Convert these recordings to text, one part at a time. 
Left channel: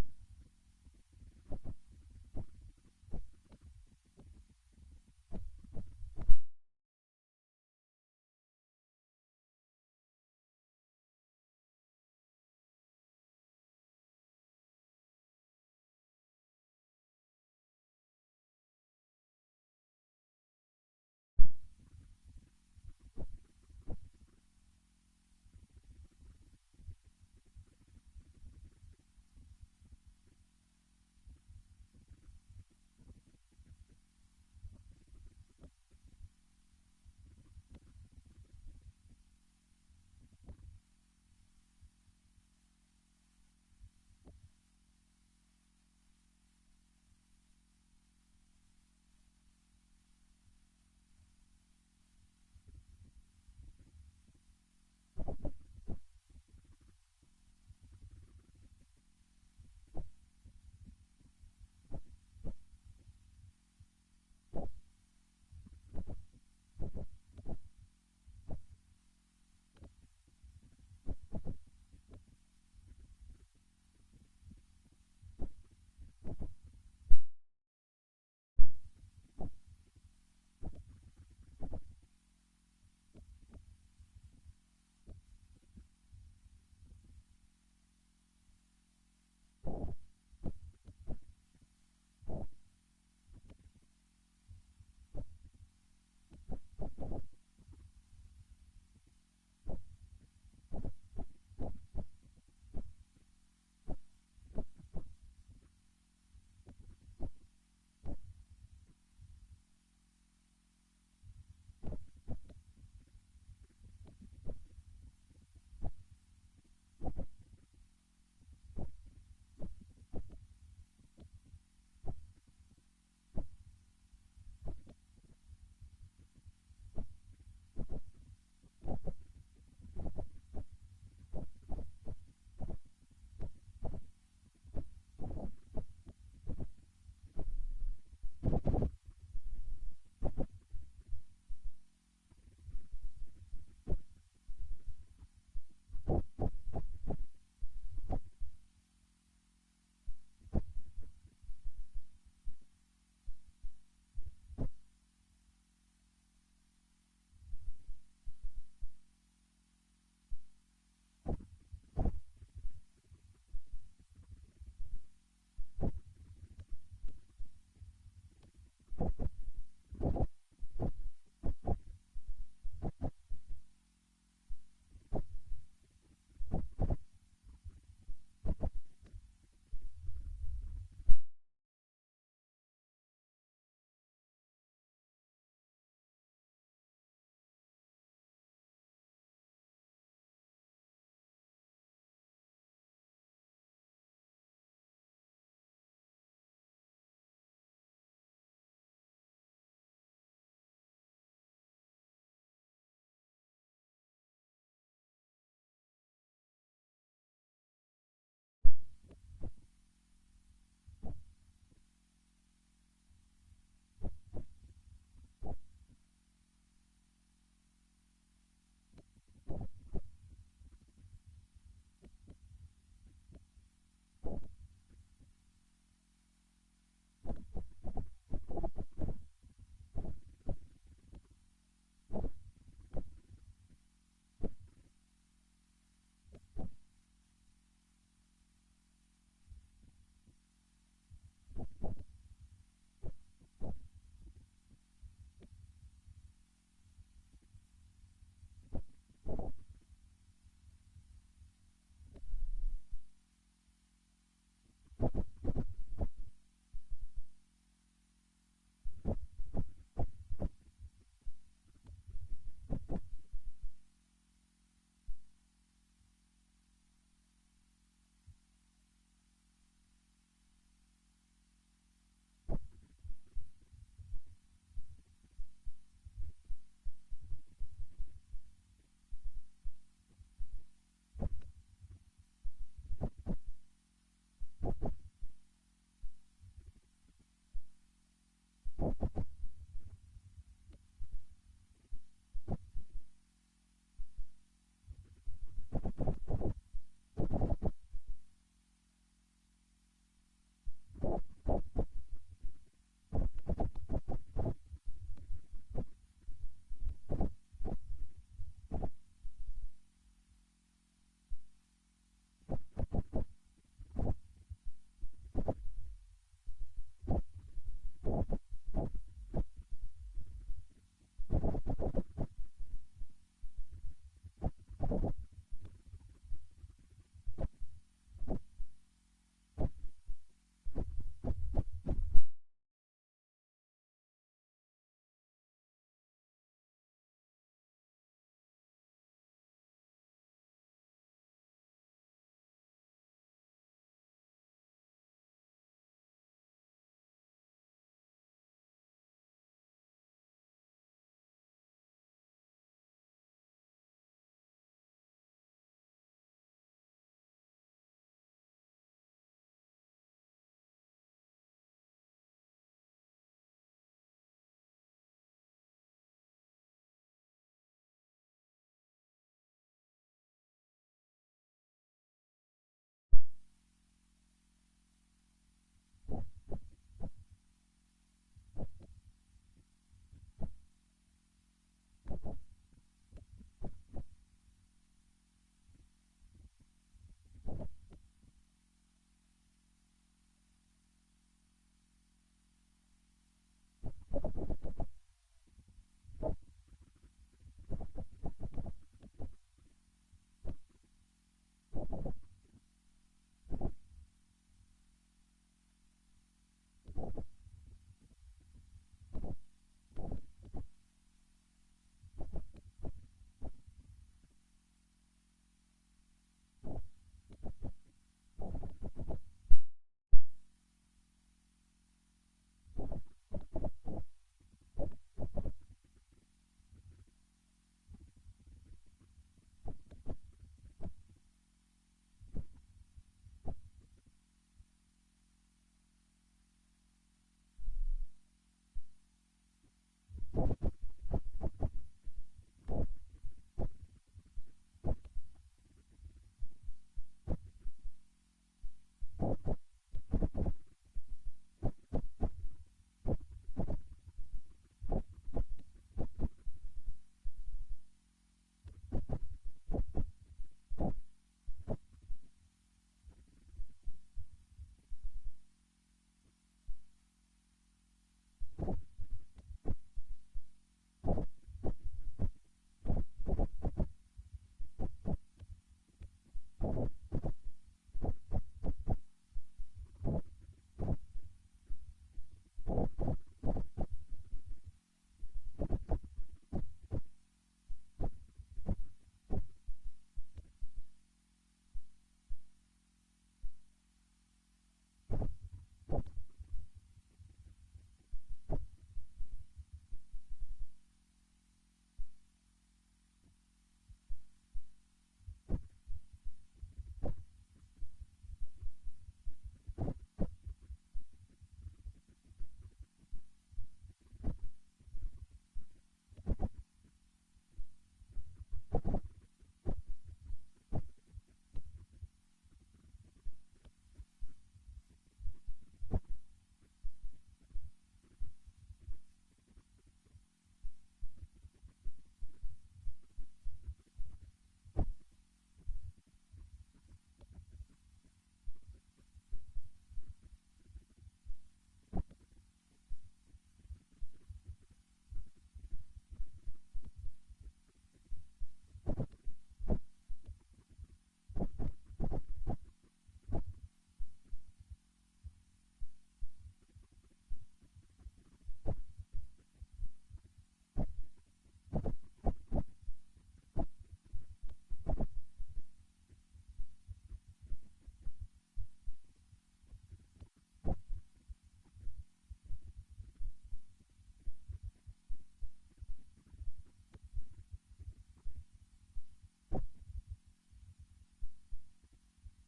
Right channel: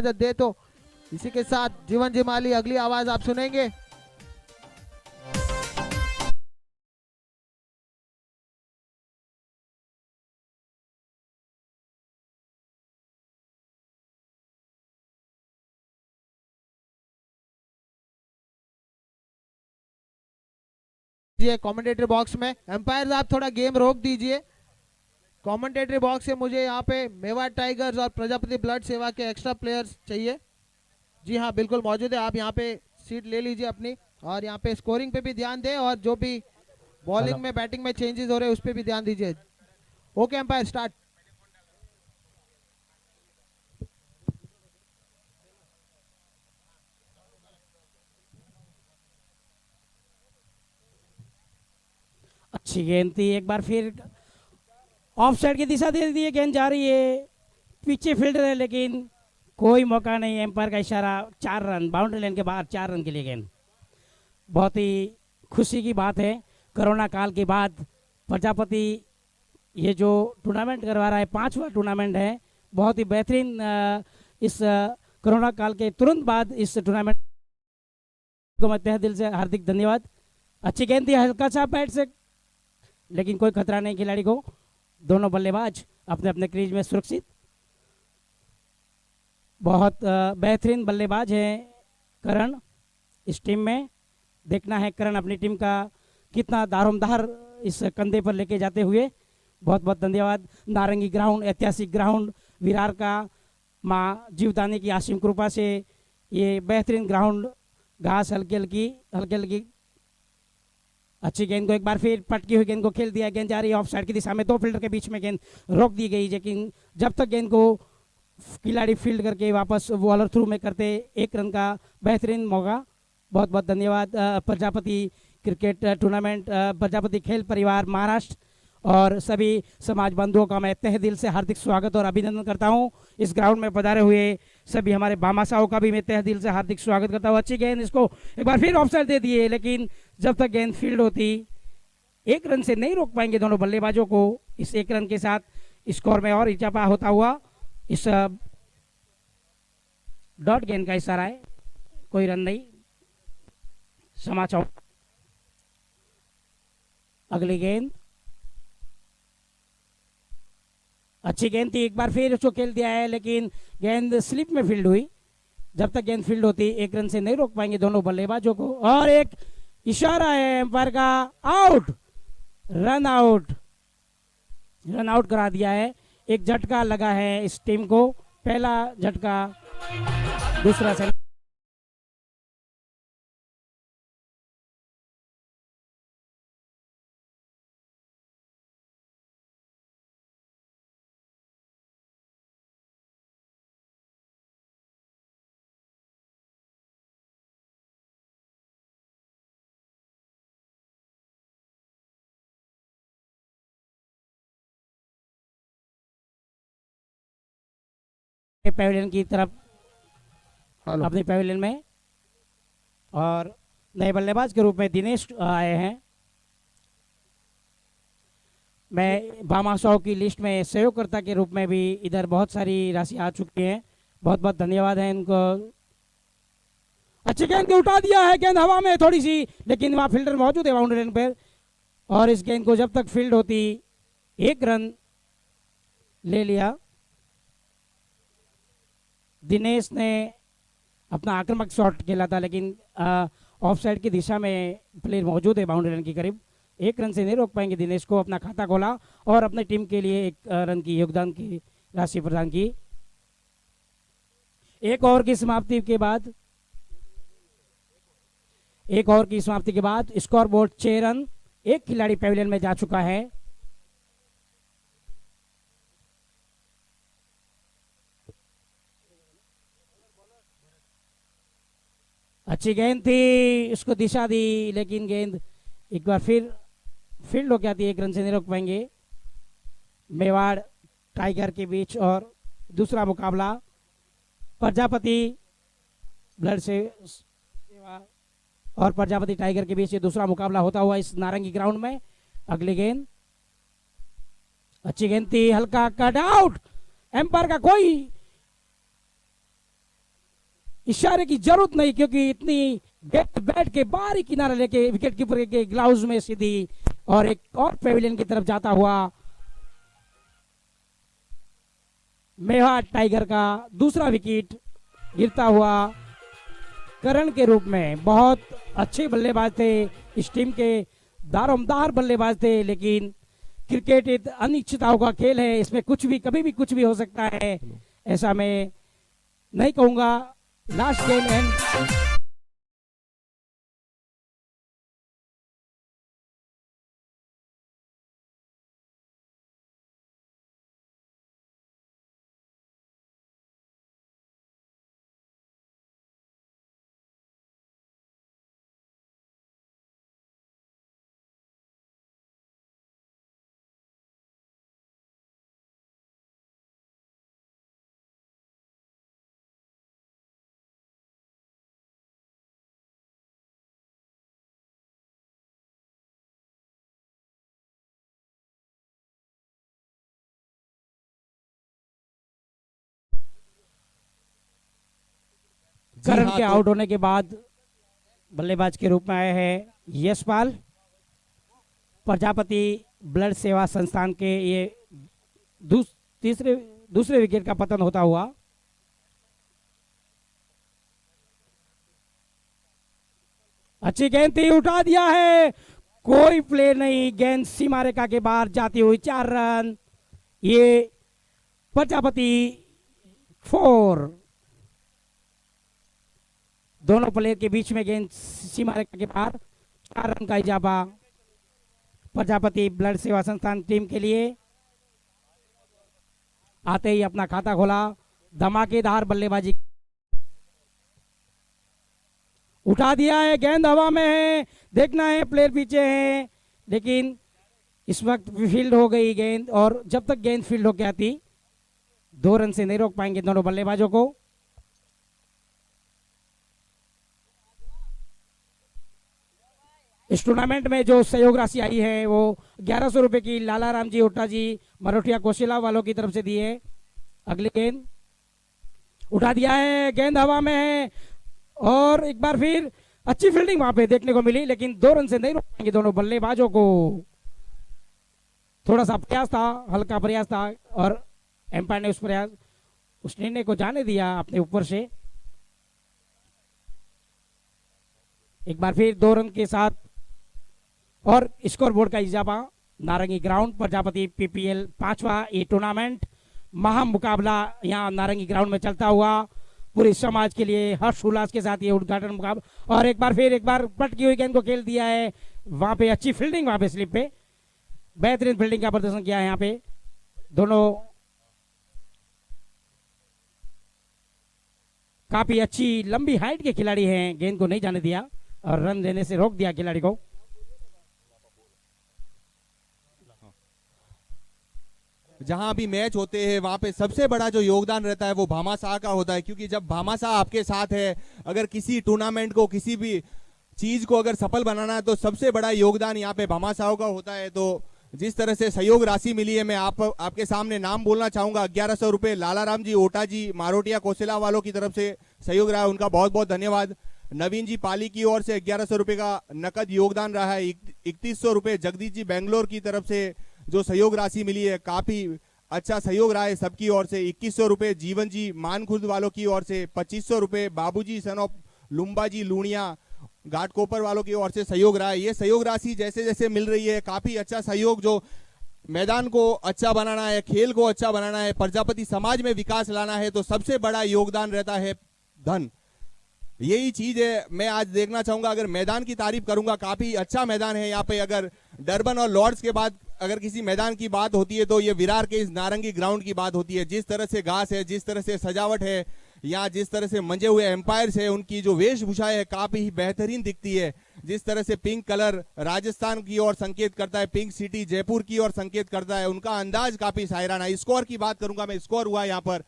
इजाजत दे तो इसी के साथ जीवन जिमाली अगली आवाज आप सुनेंगे। कमेंटेटरी बॉक्स में एम्पायर आप थोड़ा गेम रोक दीजिए। कमेंटेटरी बॉक्स से मुझे यहाँ पे मेवाड़ टाइगर्स और प्रजापति ब्लड सेवा के एक्स्ट्रा प्लेयर्स चाहिए। जी हाँ बिल्कुल मौजूद है, आप यहाँ पे सीट ले लीजिए अपनी, और यहाँ पे स्कोरिंग पे भी ध्यान दें और जो भी बॉलिंग में बैटिंग में चेंजेस हो रहे हैं उस पर भी ध्यान दीजिए। Okay umpire start. अच्छी गेंद थी, एक बार फिर ऑफ साइड की दिशा दे दी है, गेंद जा रही है, पीछे फील्डर है लेकिन कोई मौका नहीं, एम्पायर का इशारा, 4 रन, बाउंड्री लाइन के बाहर 4 रन के लिए गेंद। बहुत ही खुशी की बात है, कोरोना काल के बाद प्रजापति ये जो टूर्नामेंट करवा रहा है 5वां टूर्नामेंट है, बहुत ही बेहतरीन। इस कोरोना काल के तुरंत बाद इस टूर्नामेंट को मैं तहे दिल से हार्दिक धन्यवाद। अच्छी गेंद थी, हल्का सा बैट से, लेकिन कोई खतरा नहीं खिलाड़ी को। दोनों बल्लेबाज अपने अपने क्रीज में सुरक्षित, बहुत बेहतरीन बल्लेबाज है करण इस टीम में। देखना है करण अपनी टीम का कितना दारोमदार इस कंधे पर लेके जाते हुए। बहुत बहुत धन्यवाद। नारंगी ग्राउंड, ऐतिहासिक ग्राउंड, विरार का माँ जीवदानी की आसिम कृपा से ये बेहतरीन ग्राउंड, घास हल्की हल्की। अच्छी गेंद को एक बार फिर पटकी हुई गेंद को खेल दिया, गेंद जा रही है ऑफ साइड की दिशा में, 2 फील्डर के बीच में गेंद रोक दी गई, लेकिन जब तक गेंद को खिलाड़ी फील्ड करके वापस बॉलर थ्रू में करते 1 रन का बेहतरीन मौका। बहुत बहुत धन्यवाद प्रजापति क्रिकेट टूर्नामेंट, प्रजापति खेल परिवार महाराष्ट्र और सभी समाज बंधुओं का मैं तहे दिल से हार्दिक स्वागत और अभिनंदन करता हूं। इस ग्राउंड में पधारे हुए सभी हमारे भामाशाहों का भी मैं तहे दिल से हार्दिक स्वागत करता हूं। अच्छी गेंद, इसको एक बार फिर ऑफ साइड दे दिए, लेकिन जब तक गेंद फील्ड होती 1 रन से नहीं रोक पाएंगे दोनों बल्लेबाजों को। इस 1 रन के साथ स्कोर में और इजाफा होता हुआ, इस डॉट गेंद का इशारा है, कोई रन नहीं। समाचार अगली गेंद, अच्छी गेंद थी, एक बार फिर उसको खेल दिया है, लेकिन गेंद स्लिप में फील्ड हुई। जब तक गेंद फील्ड होती 1 रन से नहीं रोक पाएंगे दोनों बल्लेबाजों को। और एक इशारा है एम्पायर का, आउट, रन आउट करा दिया है। एक झटका लगा है इस टीम को, पहला झटका, दूसरा से पैवेलियन की तरफ, अपने पैवेलियन में, और नए बल्लेबाज के रूप में दिनेश आए हैं। मैं भामाशाह की लिस्ट में सहयोगकर्ता के रूप में भी इधर बहुत सारी राशि आ चुकी है, बहुत बहुत धन्यवाद है इनको। अच्छी गेंद को उठा दिया है, गेंद हवा में थोड़ी सी, लेकिन वहाँ फील्डर मौजूद है बाउंड्री लाइन पर, और इस गेंद को जब तक फील्ड होती 1 रन ले लिया। दिनेश ने अपना आक्रामक शॉट खेला था, लेकिन ऑफ साइड की दिशा में प्लेयर मौजूद है बाउंड्री लाइन के करीब, 1 रन से नहीं रोक पाएंगे दिनेश को। अपना खाता खोला और अपने टीम के लिए 1 रन की योगदान की राशि प्रदान की। 1 ओवर की समाप्ति के बाद, 1 ओवर की समाप्ति के बाद स्कोर बोर्ड 6 रन, 1 खिलाड़ी पैविलियन में जा चुका है। अच्छी गेंद थी, उसको दिशा दी, लेकिन गेंद एक बार फिर फील्ड हो गया थी, 1 रन से नहीं रोक पाएंगे। मेवाड़ टाइगर के बीच और दूसरा मुकाबला प्रजापति ब्लड सेवा और प्रजापति टाइगर के बीच ये दूसरा मुकाबला होता हुआ इस नारंगी ग्राउंड में। अगली गेंद, अच्छी गेंद थी, हल्का कट आउट, एम्पायर का कोई इशारे की जरूरत नहीं, क्योंकि इतनी बैठ के बाहरी किनारा लेके विकेट कीपर के ग्लाउज में सीधी और एक और पेविलियन की तरफ जाता हुआ मेवाड़ टाइगर का दूसरा विकेट गिरता हुआ करण के रूप में। बहुत अच्छे बल्लेबाज थे, इस टीम के दारोमदार बल्लेबाज थे, लेकिन क्रिकेट एक अनिश्चितताओं का खेल है, इसमें कुछ भी कभी भी कुछ भी हो सकता है, ऐसा मैं नहीं कहूंगा। लास्ट गेम एंड करण के आउट होने के बाद बल्लेबाज के रूप में आए हैं यशपाल। प्रजापति ब्लड सेवा संस्थान के ये दूसरे विकेट का पतन होता हुआ। अच्छी गेंद थी, उठा दिया है, कोई प्ले नहीं, गेंद सीमा रेखा के बाहर जाती हुई 4 रन। ये प्रजापति 4, दोनों प्लेयर के बीच में गेंद सीमा रेखा के पार, 4 रन का इजाफा प्रजापति ब्लड सेवा संस्थान टीम के लिए। आते ही अपना खाता खोला, धमाकेदार बल्लेबाजी, उठा दिया है, गेंद हवा में है, देखना है प्लेयर पीछे है, लेकिन इस वक्त फील्ड हो गई गेंद, और जब तक गेंद फील्ड होकर आती 2 रन से नहीं रोक पाएंगे दोनों बल्लेबाजों को। इस टूर्नामेंट में जो सहयोग राशि आई है वो 1100 रुपए की लाला राम जी ओटा जी मरोठिया कोशिला वालों की तरफ से दी है। अगली गेंद उठा दिया है, गेंद हवा में है, और एक बार फिर अच्छी फील्डिंग वहां पे देखने को मिली, लेकिन 2 रन से नहीं रोक पाएंगे दोनों बल्लेबाजों को। थोड़ा सा प्रयास था, हल्का प्रयास था, और एम्पायर ने उस निर्णय को जाने दिया अपने ऊपर से। एक बार फिर 2 रन के साथ और स्कोर बोर्ड का इजाफा। नारंगी ग्राउंड प्रजापति पीपीएल 5वां ये टूर्नामेंट महा मुकाबला यहाँ नारंगी ग्राउंड में चलता हुआ पूरे समाज के लिए हर्ष उल्लास के साथ ये उद्घाटन मुकाबला। और एक बार पटकी हुई गेंद को खेल दिया है, वहां पे अच्छी फील्डिंग, वहां पे स्लिप पे बेहतरीन फील्डिंग का प्रदर्शन किया है। यहाँ पे दोनों काफी अच्छी लंबी हाइट के खिलाड़ी हैं, गेंद को नहीं जाने दिया और रन देने से रोक दिया खिलाड़ी को। जहां भी मैच होते हैं वहां पे सबसे बड़ा जो योगदान रहता है वो भामाशाह का होता है, क्योंकि जब भामाशाह आपके साथ है, अगर किसी टूर्नामेंट को किसी भी चीज को अगर सफल बनाना है तो सबसे बड़ा योगदान यहाँ पे भामाशाह का होता है। तो जिस तरह से सहयोग राशि मिली है, मैं आपके सामने नाम बोलना चाहूंगा। 1100 रुपए लाला राम जी ओटा जी मारोटिया कोसिला वालों की तरफ से सहयोग रहा है, उनका बहुत बहुत धन्यवाद। नवीन जी पाली की ओर से 1100 रुपए का नकद योगदान रहा है। 3100 रुपए जगदीश जी बेंगलोर की तरफ से जो सहयोग राशि मिली है, काफी अच्छा सहयोग रहा है सबकी ओर से। 2100 रुपए जीवन जी मानखुर्द वालों की ओर से, 2500 रुपए बाबूजी सन ऑफ लुम्बा जी लूणिया घाटकोपर वालों की ओर से सहयोग रहा है। ये सहयोग राशि जैसे जैसे मिल रही है, काफी अच्छा सहयोग, जो मैदान को अच्छा बनाना है, खेल को अच्छा बनाना है, प्रजापति समाज में विकास लाना है, तो सबसे बड़ा योगदान रहता है धन। यही चीज है मैं आज देखना चाहूंगा। अगर मैदान की तारीफ करूंगा, काफी अच्छा मैदान है यहाँ पे। अगर डरबन और लॉर्ड्स के बाद अगर किसी मैदान की बात होती है तो ये विरार के इस नारंगी ग्राउंड की बात होती है। जिस तरह से घास है, जिस तरह से सजावट है, यहाँ जिस तरह से मंजे हुए एम्पायर्स है, उनकी जो वेशभूषा है काफी बेहतरीन दिखती है। जिस तरह से पिंक कलर राजस्थान की ओर संकेत करता है, पिंक सिटी जयपुर की ओर संकेत करता है, उनका अंदाज काफी शायराना। स्कोर की बात करूंगा मैं, स्कोर हुआ यहाँ पर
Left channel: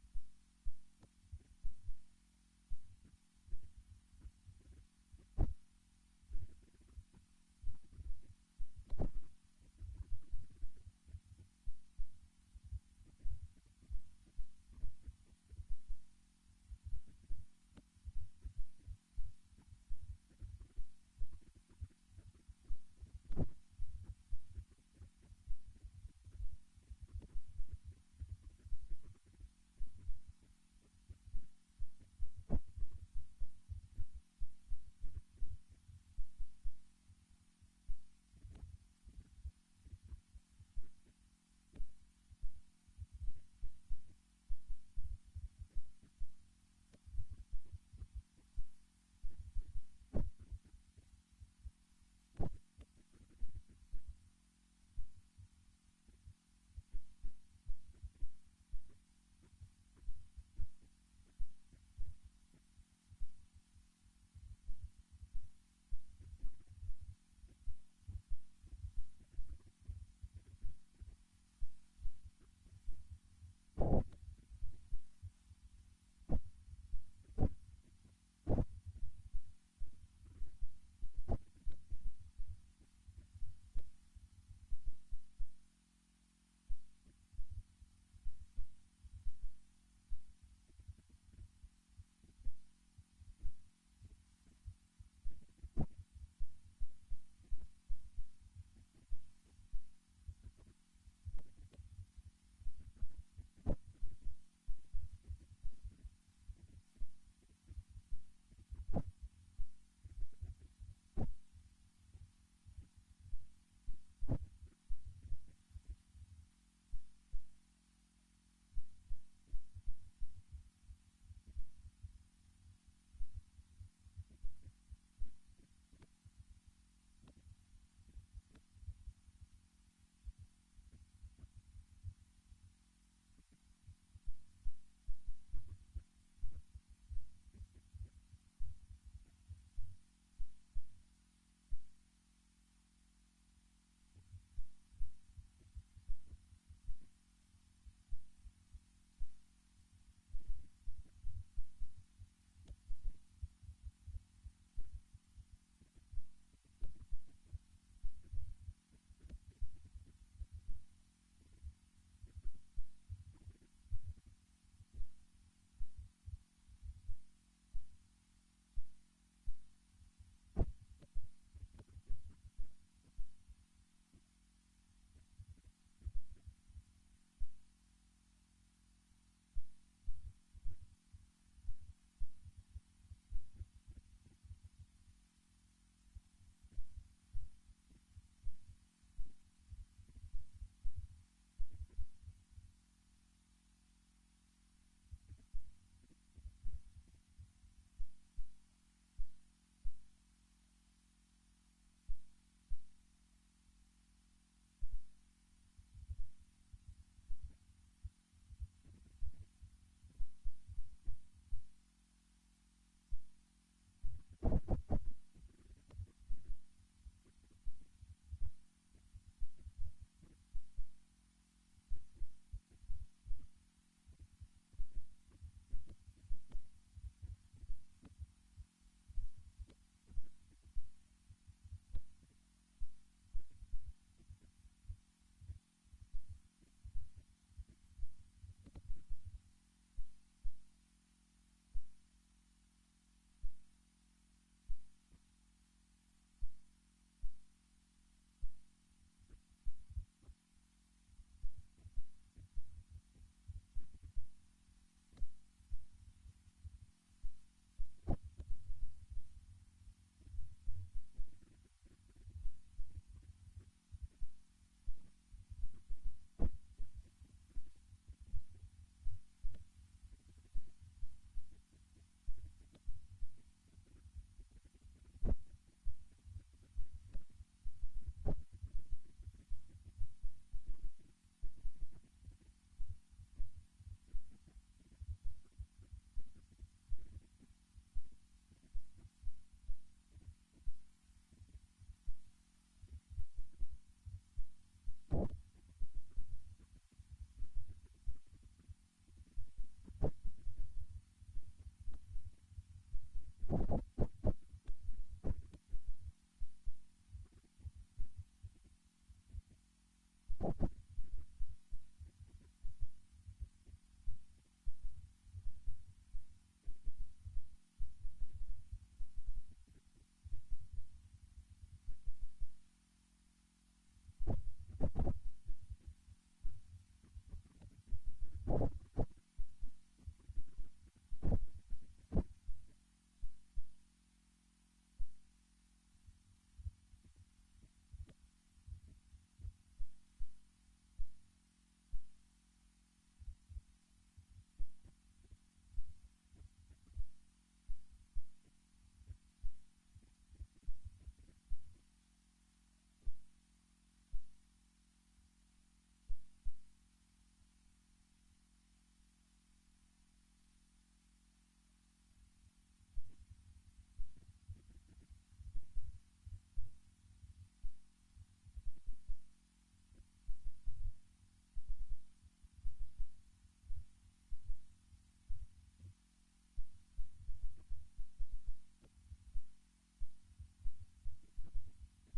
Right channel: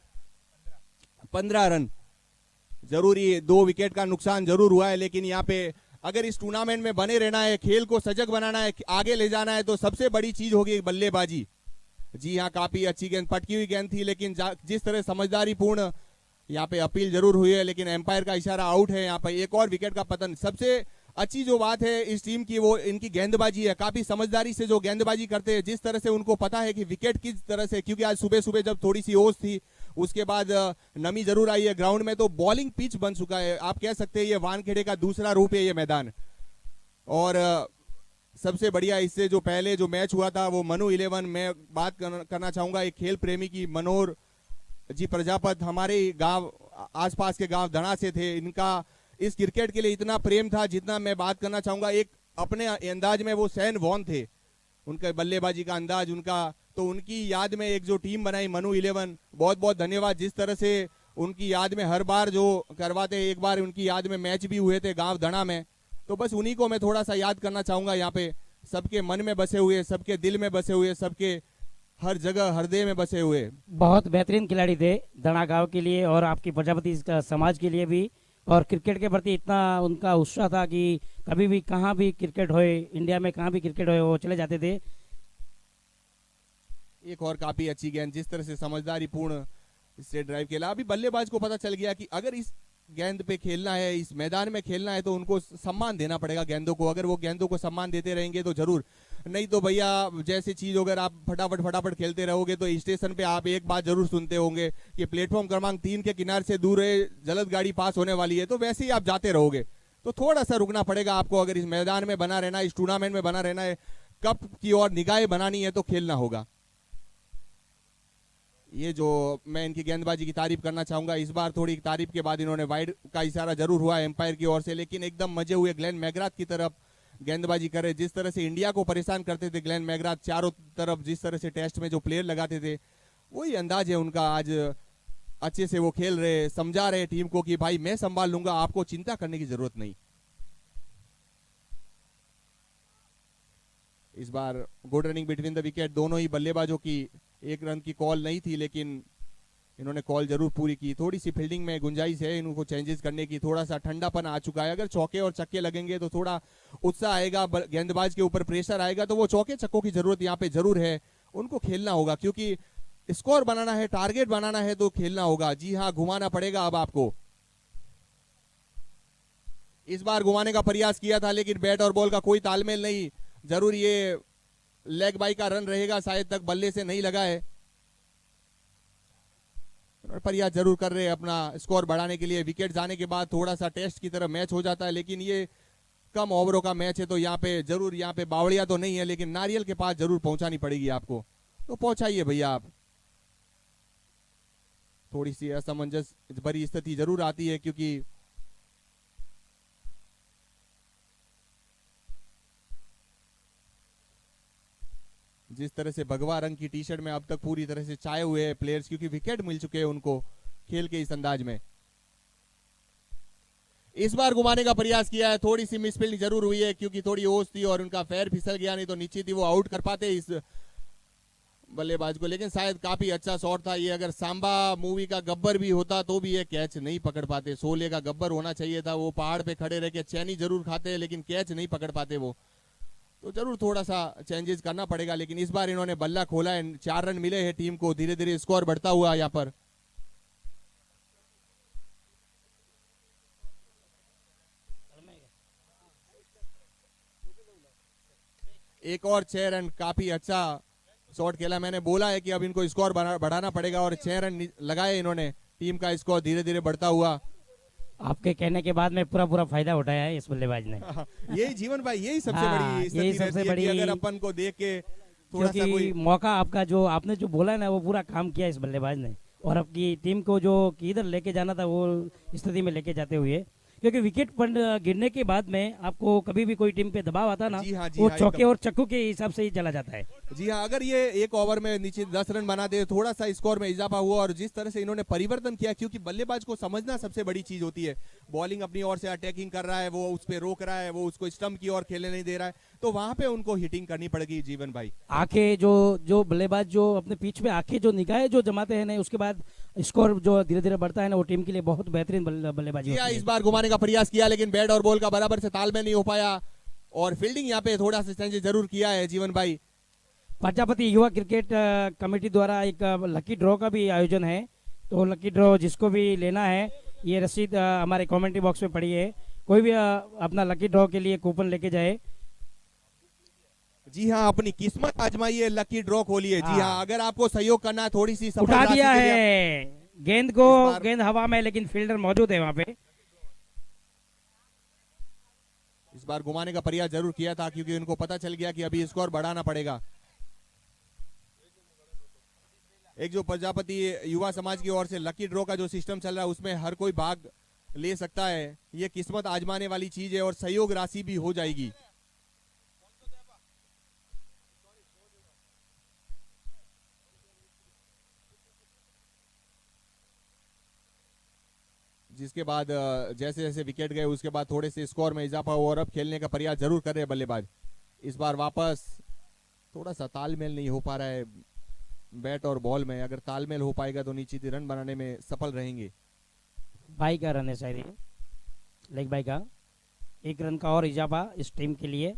15 रन। जरूरी 2 विकेट का नुकसान जरूर हुआ है, लेकिन यहाँ पे अगर इस टूर्नामेंट में बने रहना है, खेल को सजग बनाना है, आगे ले जाना है, तो सबसे बड़ी चीज होगी बल्लेबाजी। जी हाँ, काफी अच्छी गेंद, पटकी हुई गेंद थी, लेकिन जिस तरह समझदारी पूर्ण यहाँ पे अपील जरूर हुई है, लेकिन एम्पायर का इशारा आउट है। यहाँ पे एक और विकेट का पतन। सबसे अच्छी जो बात है इस टीम की वो इनकी गेंदबाजी है। काफी समझदारी से जो गेंदबाजी करते हैं, जिस तरह से उनको पता है कि विकेट किस तरह से, क्योंकि आज सुबह सुबह जब थोड़ी सी ओस थी, उसके बाद नमी जरूर आई है ग्राउंड में, तो बॉलिंग पिच बन चुका है। आप कह सकते हैं ये वानखेड़े का दूसरा रूप है ये मैदान। और सबसे बढ़िया इससे जो पहले जो मैच हुआ था वो मनु 11, मैं बात करना चाहूंगा एक खेल प्रेमी की, मनोहर जी प्रजापत, हमारे गांव आसपास के गांव धना से थे। इनका इस क्रिकेट के लिए इतना प्रेम था, जितना मैं बात करना चाहूंगा एक अपने अंदाज में वो सैन वॉन थे, उनका बल्लेबाजी का अंदाज उनका। तो उनकी याद में एक जो टीम बनाई मनु 11, बहुत बहुत धन्यवाद। जिस तरह से उनकी याद में हर बार जो करवाते, एक बार उनकी याद में मैच भी हुए थे गांव धना में, तो बस उन्हीं को मैं थोड़ा सा याद करना चाहूंगा। यहाँ पे सबके मन में बसे हुए, सबके दिल में बसे हुए, सबके हर जगह हृदय में बसे हुए। बहुत बेहतरीन खिलाड़ी थे धना गांव के लिए और आपकी प्रजापति समाज के लिए भी। और क्रिकेट के प्रति इतना उनका उत्साह था कि कभी भी कहाँ भी क्रिकेट होए, इंडिया में कहाँ भी क्रिकेट होए, वो चले जाते थे। एक और काफी अच्छी गेंद, जिस तरह से समझदारी पूर्ण स्ट्रेट ड्राइव खेला। अभी बल्लेबाज को पता चल गया कि अगर इस गेंद पे खेलना है, इस मैदान में खेलना है, तो उनको सम्मान देना पड़ेगा गेंदों को। अगर वो गेंदों को सम्मान देते रहेंगे तो जरूर, नहीं तो भैया जैसी चीज अगर आप फटाफट खेलते रहोगे तो स्टेशन पे आप एक बात जरूर सुनते होंगे कि प्लेटफॉर्म क्रमांक 3 के किनारे से दूर है, जल्द गाड़ी पास होने वाली है, तो वैसे ही आप जाते रहोगे। तो थोड़ा सा रुकना पड़ेगा आपको। अगर इस मैदान में बना रहना, इस टूर्नामेंट में बना रहना है, कप की ओर निगाहें बनानी है, तो खेलना होगा। ये जो मैं इनकी गेंदबाजी की तारीफ करना चाहूंगा, इस बार थोड़ी तारीफ के बाद इन्होंने वाइड का इशारा जरूर हुआ एम्पायर की ओर से, लेकिन एकदम मजे हुए ग्लेन मैकग्राथ की तरफ गेंदबाजी करे। जिस तरह से इंडिया को परेशान करते थे ग्लेन मैकग्राथ, चारों तरफ जिस तरह से टेस्ट में जो प्लेयर लगाते थे, वही अंदाज है उनका। आज अच्छे से वो खेल रहे, समझा रहे टीम को कि भाई मैं संभाल लूंगा, आपको चिंता करने की जरूरत नहीं। इस बार good running between the wicket, दोनों ही बल्लेबाजों की। एक रन की कॉल नहीं थी, लेकिन इन्होंने कॉल जरूर पूरी की। थोड़ी सी फील्डिंग में गुंजाइश है इनको चेंजेस करने की, थोड़ा सा ठंडापन आ चुका है। अगर चौके और छक्के लगेंगे तो थोड़ा उत्साह आएगा, गेंदबाज के ऊपर प्रेशर आएगा, तो वो चौके छक्कों की जरूरत यहाँ पे जरूर है। उनको खेलना होगा, क्योंकि स्कोर बनाना है, टारगेट बनाना है, तो खेलना होगा। जी हाँ, घुमाना पड़ेगा अब आपको। इस बार घुमाने का प्रयास किया था, लेकिन बैट और बॉल का कोई तालमेल नहीं। जरूर ये लेग बाई का रन रहेगा, शायद तक बल्ले से नहीं लगा है। प्रयास जरूर कर रहे हैं अपना स्कोर बढ़ाने के लिए। विकेट जाने के बाद थोड़ा सा टेस्ट की तरह मैच हो जाता है, लेकिन ये कम ओवरों का मैच है, तो यहाँ पे जरूर, यहाँ पे बावड़िया तो नहीं है, लेकिन नारियल के पास जरूर पहुंचानी पड़ेगी आपको, तो पहुंचाइए भैया आप। थोड़ी सी असमंजस भरी स्थिति जरूर आती है, क्योंकि जिस तरह से भगवा रंग की टी शर्ट में अब तक पूरी तरह से छाए हुए हैं प्लेयर्स, क्योंकि विकेट मिल चुके हैं उनको खेल के इस अंदाज में। इस बार घुमाने का प्रयास किया है, थोड़ी सी मिसफील्डिंग जरूर हुई है, क्योंकि थोड़ी ओस थी और उनका पैर फिसल गया, नहीं तो नीचे थी, वो आउट कर पाते इस बल्लेबाज को। लेकिन शायद काफी अच्छा शॉट था ये। अगर सांबा मूवी का गब्बर भी होता तो भी ये कैच नहीं पकड़ पाते। शोले का गब्बर होना चाहिए था, वो पहाड़ पे खड़े रह के चैनी जरूर खाते हैं, लेकिन कैच नहीं पकड़ पाते वो। तो जरूर थोड़ा सा चेंजेस करना पड़ेगा। लेकिन इस बार इन्होंने बल्ला खोला है, 4 रन मिले हैं टीम को, धीरे धीरे स्कोर बढ़ता हुआ यहाँ पर। एक और 6 रन, काफी अच्छा शॉट खेला। मैंने बोला है कि अब इनको स्कोर बढ़ाना पड़ेगा, और 6 रन लगाए इन्होंने। टीम का स्कोर धीरे धीरे बढ़ता हुआ। आपके कहने के बाद में पूरा फायदा उठाया है इस बल्लेबाज ने। यही जीवन भाई, यही सबसे हाँ, बड़ी स्थिति यही सबसे रहती है बड़ी, कि अगर अपन को देख के थोड़ा सा क्योंकि कोई मौका आपका जो आपने जो बोला है ना, वो पूरा काम किया इस बल्लेबाज ने, और आपकी टीम को जो किधर लेके जाना था वो स्थिति में लेके जाते हुए। क्योंकि विकेट पर गिरने के बाद में आपको कभी भी कोई टीम पे दबाव आता ना, जी हाँ, वो हाँ, चौके एकदम। और चक्कू के हिसाब से ही चला जाता है। जी हाँ, अगर ये एक ओवर में नीचे 10 रन बना दे, थोड़ा सा स्कोर में इजाफा हुआ। और जिस तरह से इन्होंने परिवर्तन किया, क्योंकि बल्लेबाज को समझना सबसे बड़ी चीज होती है। बॉलिंग अपनी ओर से अटैकिंग कर रहा है, वो उस पर रोक रहा है, वो उसको स्टंप की ओर खेलने नहीं दे रहा है, तो वहां पे उनको हिटिंग करनी पड़ेगी जीवन भाई। आंखें जो बल्लेबाज जो अपने पिच पे आंखें जो निगाहें जो जमाते हैं ना, उसके बाद स्कोर जो धीरे धीरे बढ़ता है ना, वो टीम के लिए बहुत बेहतरीन बल्लेबाजी जी हाँ, होती है। इस बार घुमाने का प्रयास किया, लेकिन बैट और बॉल का बराबर से तालमेल नहीं हो पाया। और फील्डिंग यहाँ पे थोड़ा सा चेंज जरूर किया है जीवन भाई। प्रजापति युवा क्रिकेट कमेटी द्वारा एक लकी ड्रॉ का भी आयोजन है, तो लकी ड्रॉ जिसको भी लेना है, ये रसीद हमारे कमेंट्री बॉक्स में पड़ी है। कोई भी अपना लकी ड्रॉ के लिए कूपन लेके जाए। जी हाँ, अपनी किस्मत आजमाइए, लकी ड्रॉ खोलिए। जी हाँ, अगर आपको सहयोग करना है, थोड़ी सी सफल उठा राशि दिया के लिए- है गेंद को, इस बार- गेंद हवा में, लेकिन फील्डर मौजूद है वहां पे। इस बार घुमाने का प्रयास जरूर किया था, क्योंकि उनको पता चल गया कि अभी स्कोर बढ़ाना पड़ेगा। एक जो प्रजापति युवा समाज की ओर से लकी ड्रॉ का जो सिस्टम चल रहा है, उसमें हर कोई भाग ले सकता है। ये किस्मत आजमाने वाली चीज है और सहयोग राशि भी हो जाएगी। जिसके बाद जैसे जैसे विकेट गए, उसके बाद थोड़े से स्कोर में इजाफा हुआ और अब खेलने का प्रयास जरूर कर रहे हैं बल्लेबाज। इस बार वापस थोड़ा सा तालमेल नहीं हो पा रहा है बैट और बॉल में। अगर तालमेल हो पाएगा तो निश्चित ही रन बनाने में सफल रहेंगे। बाई का रन है शायद ये, लेग बाई का 1 रन का और इजाफा इस टीम के लिए।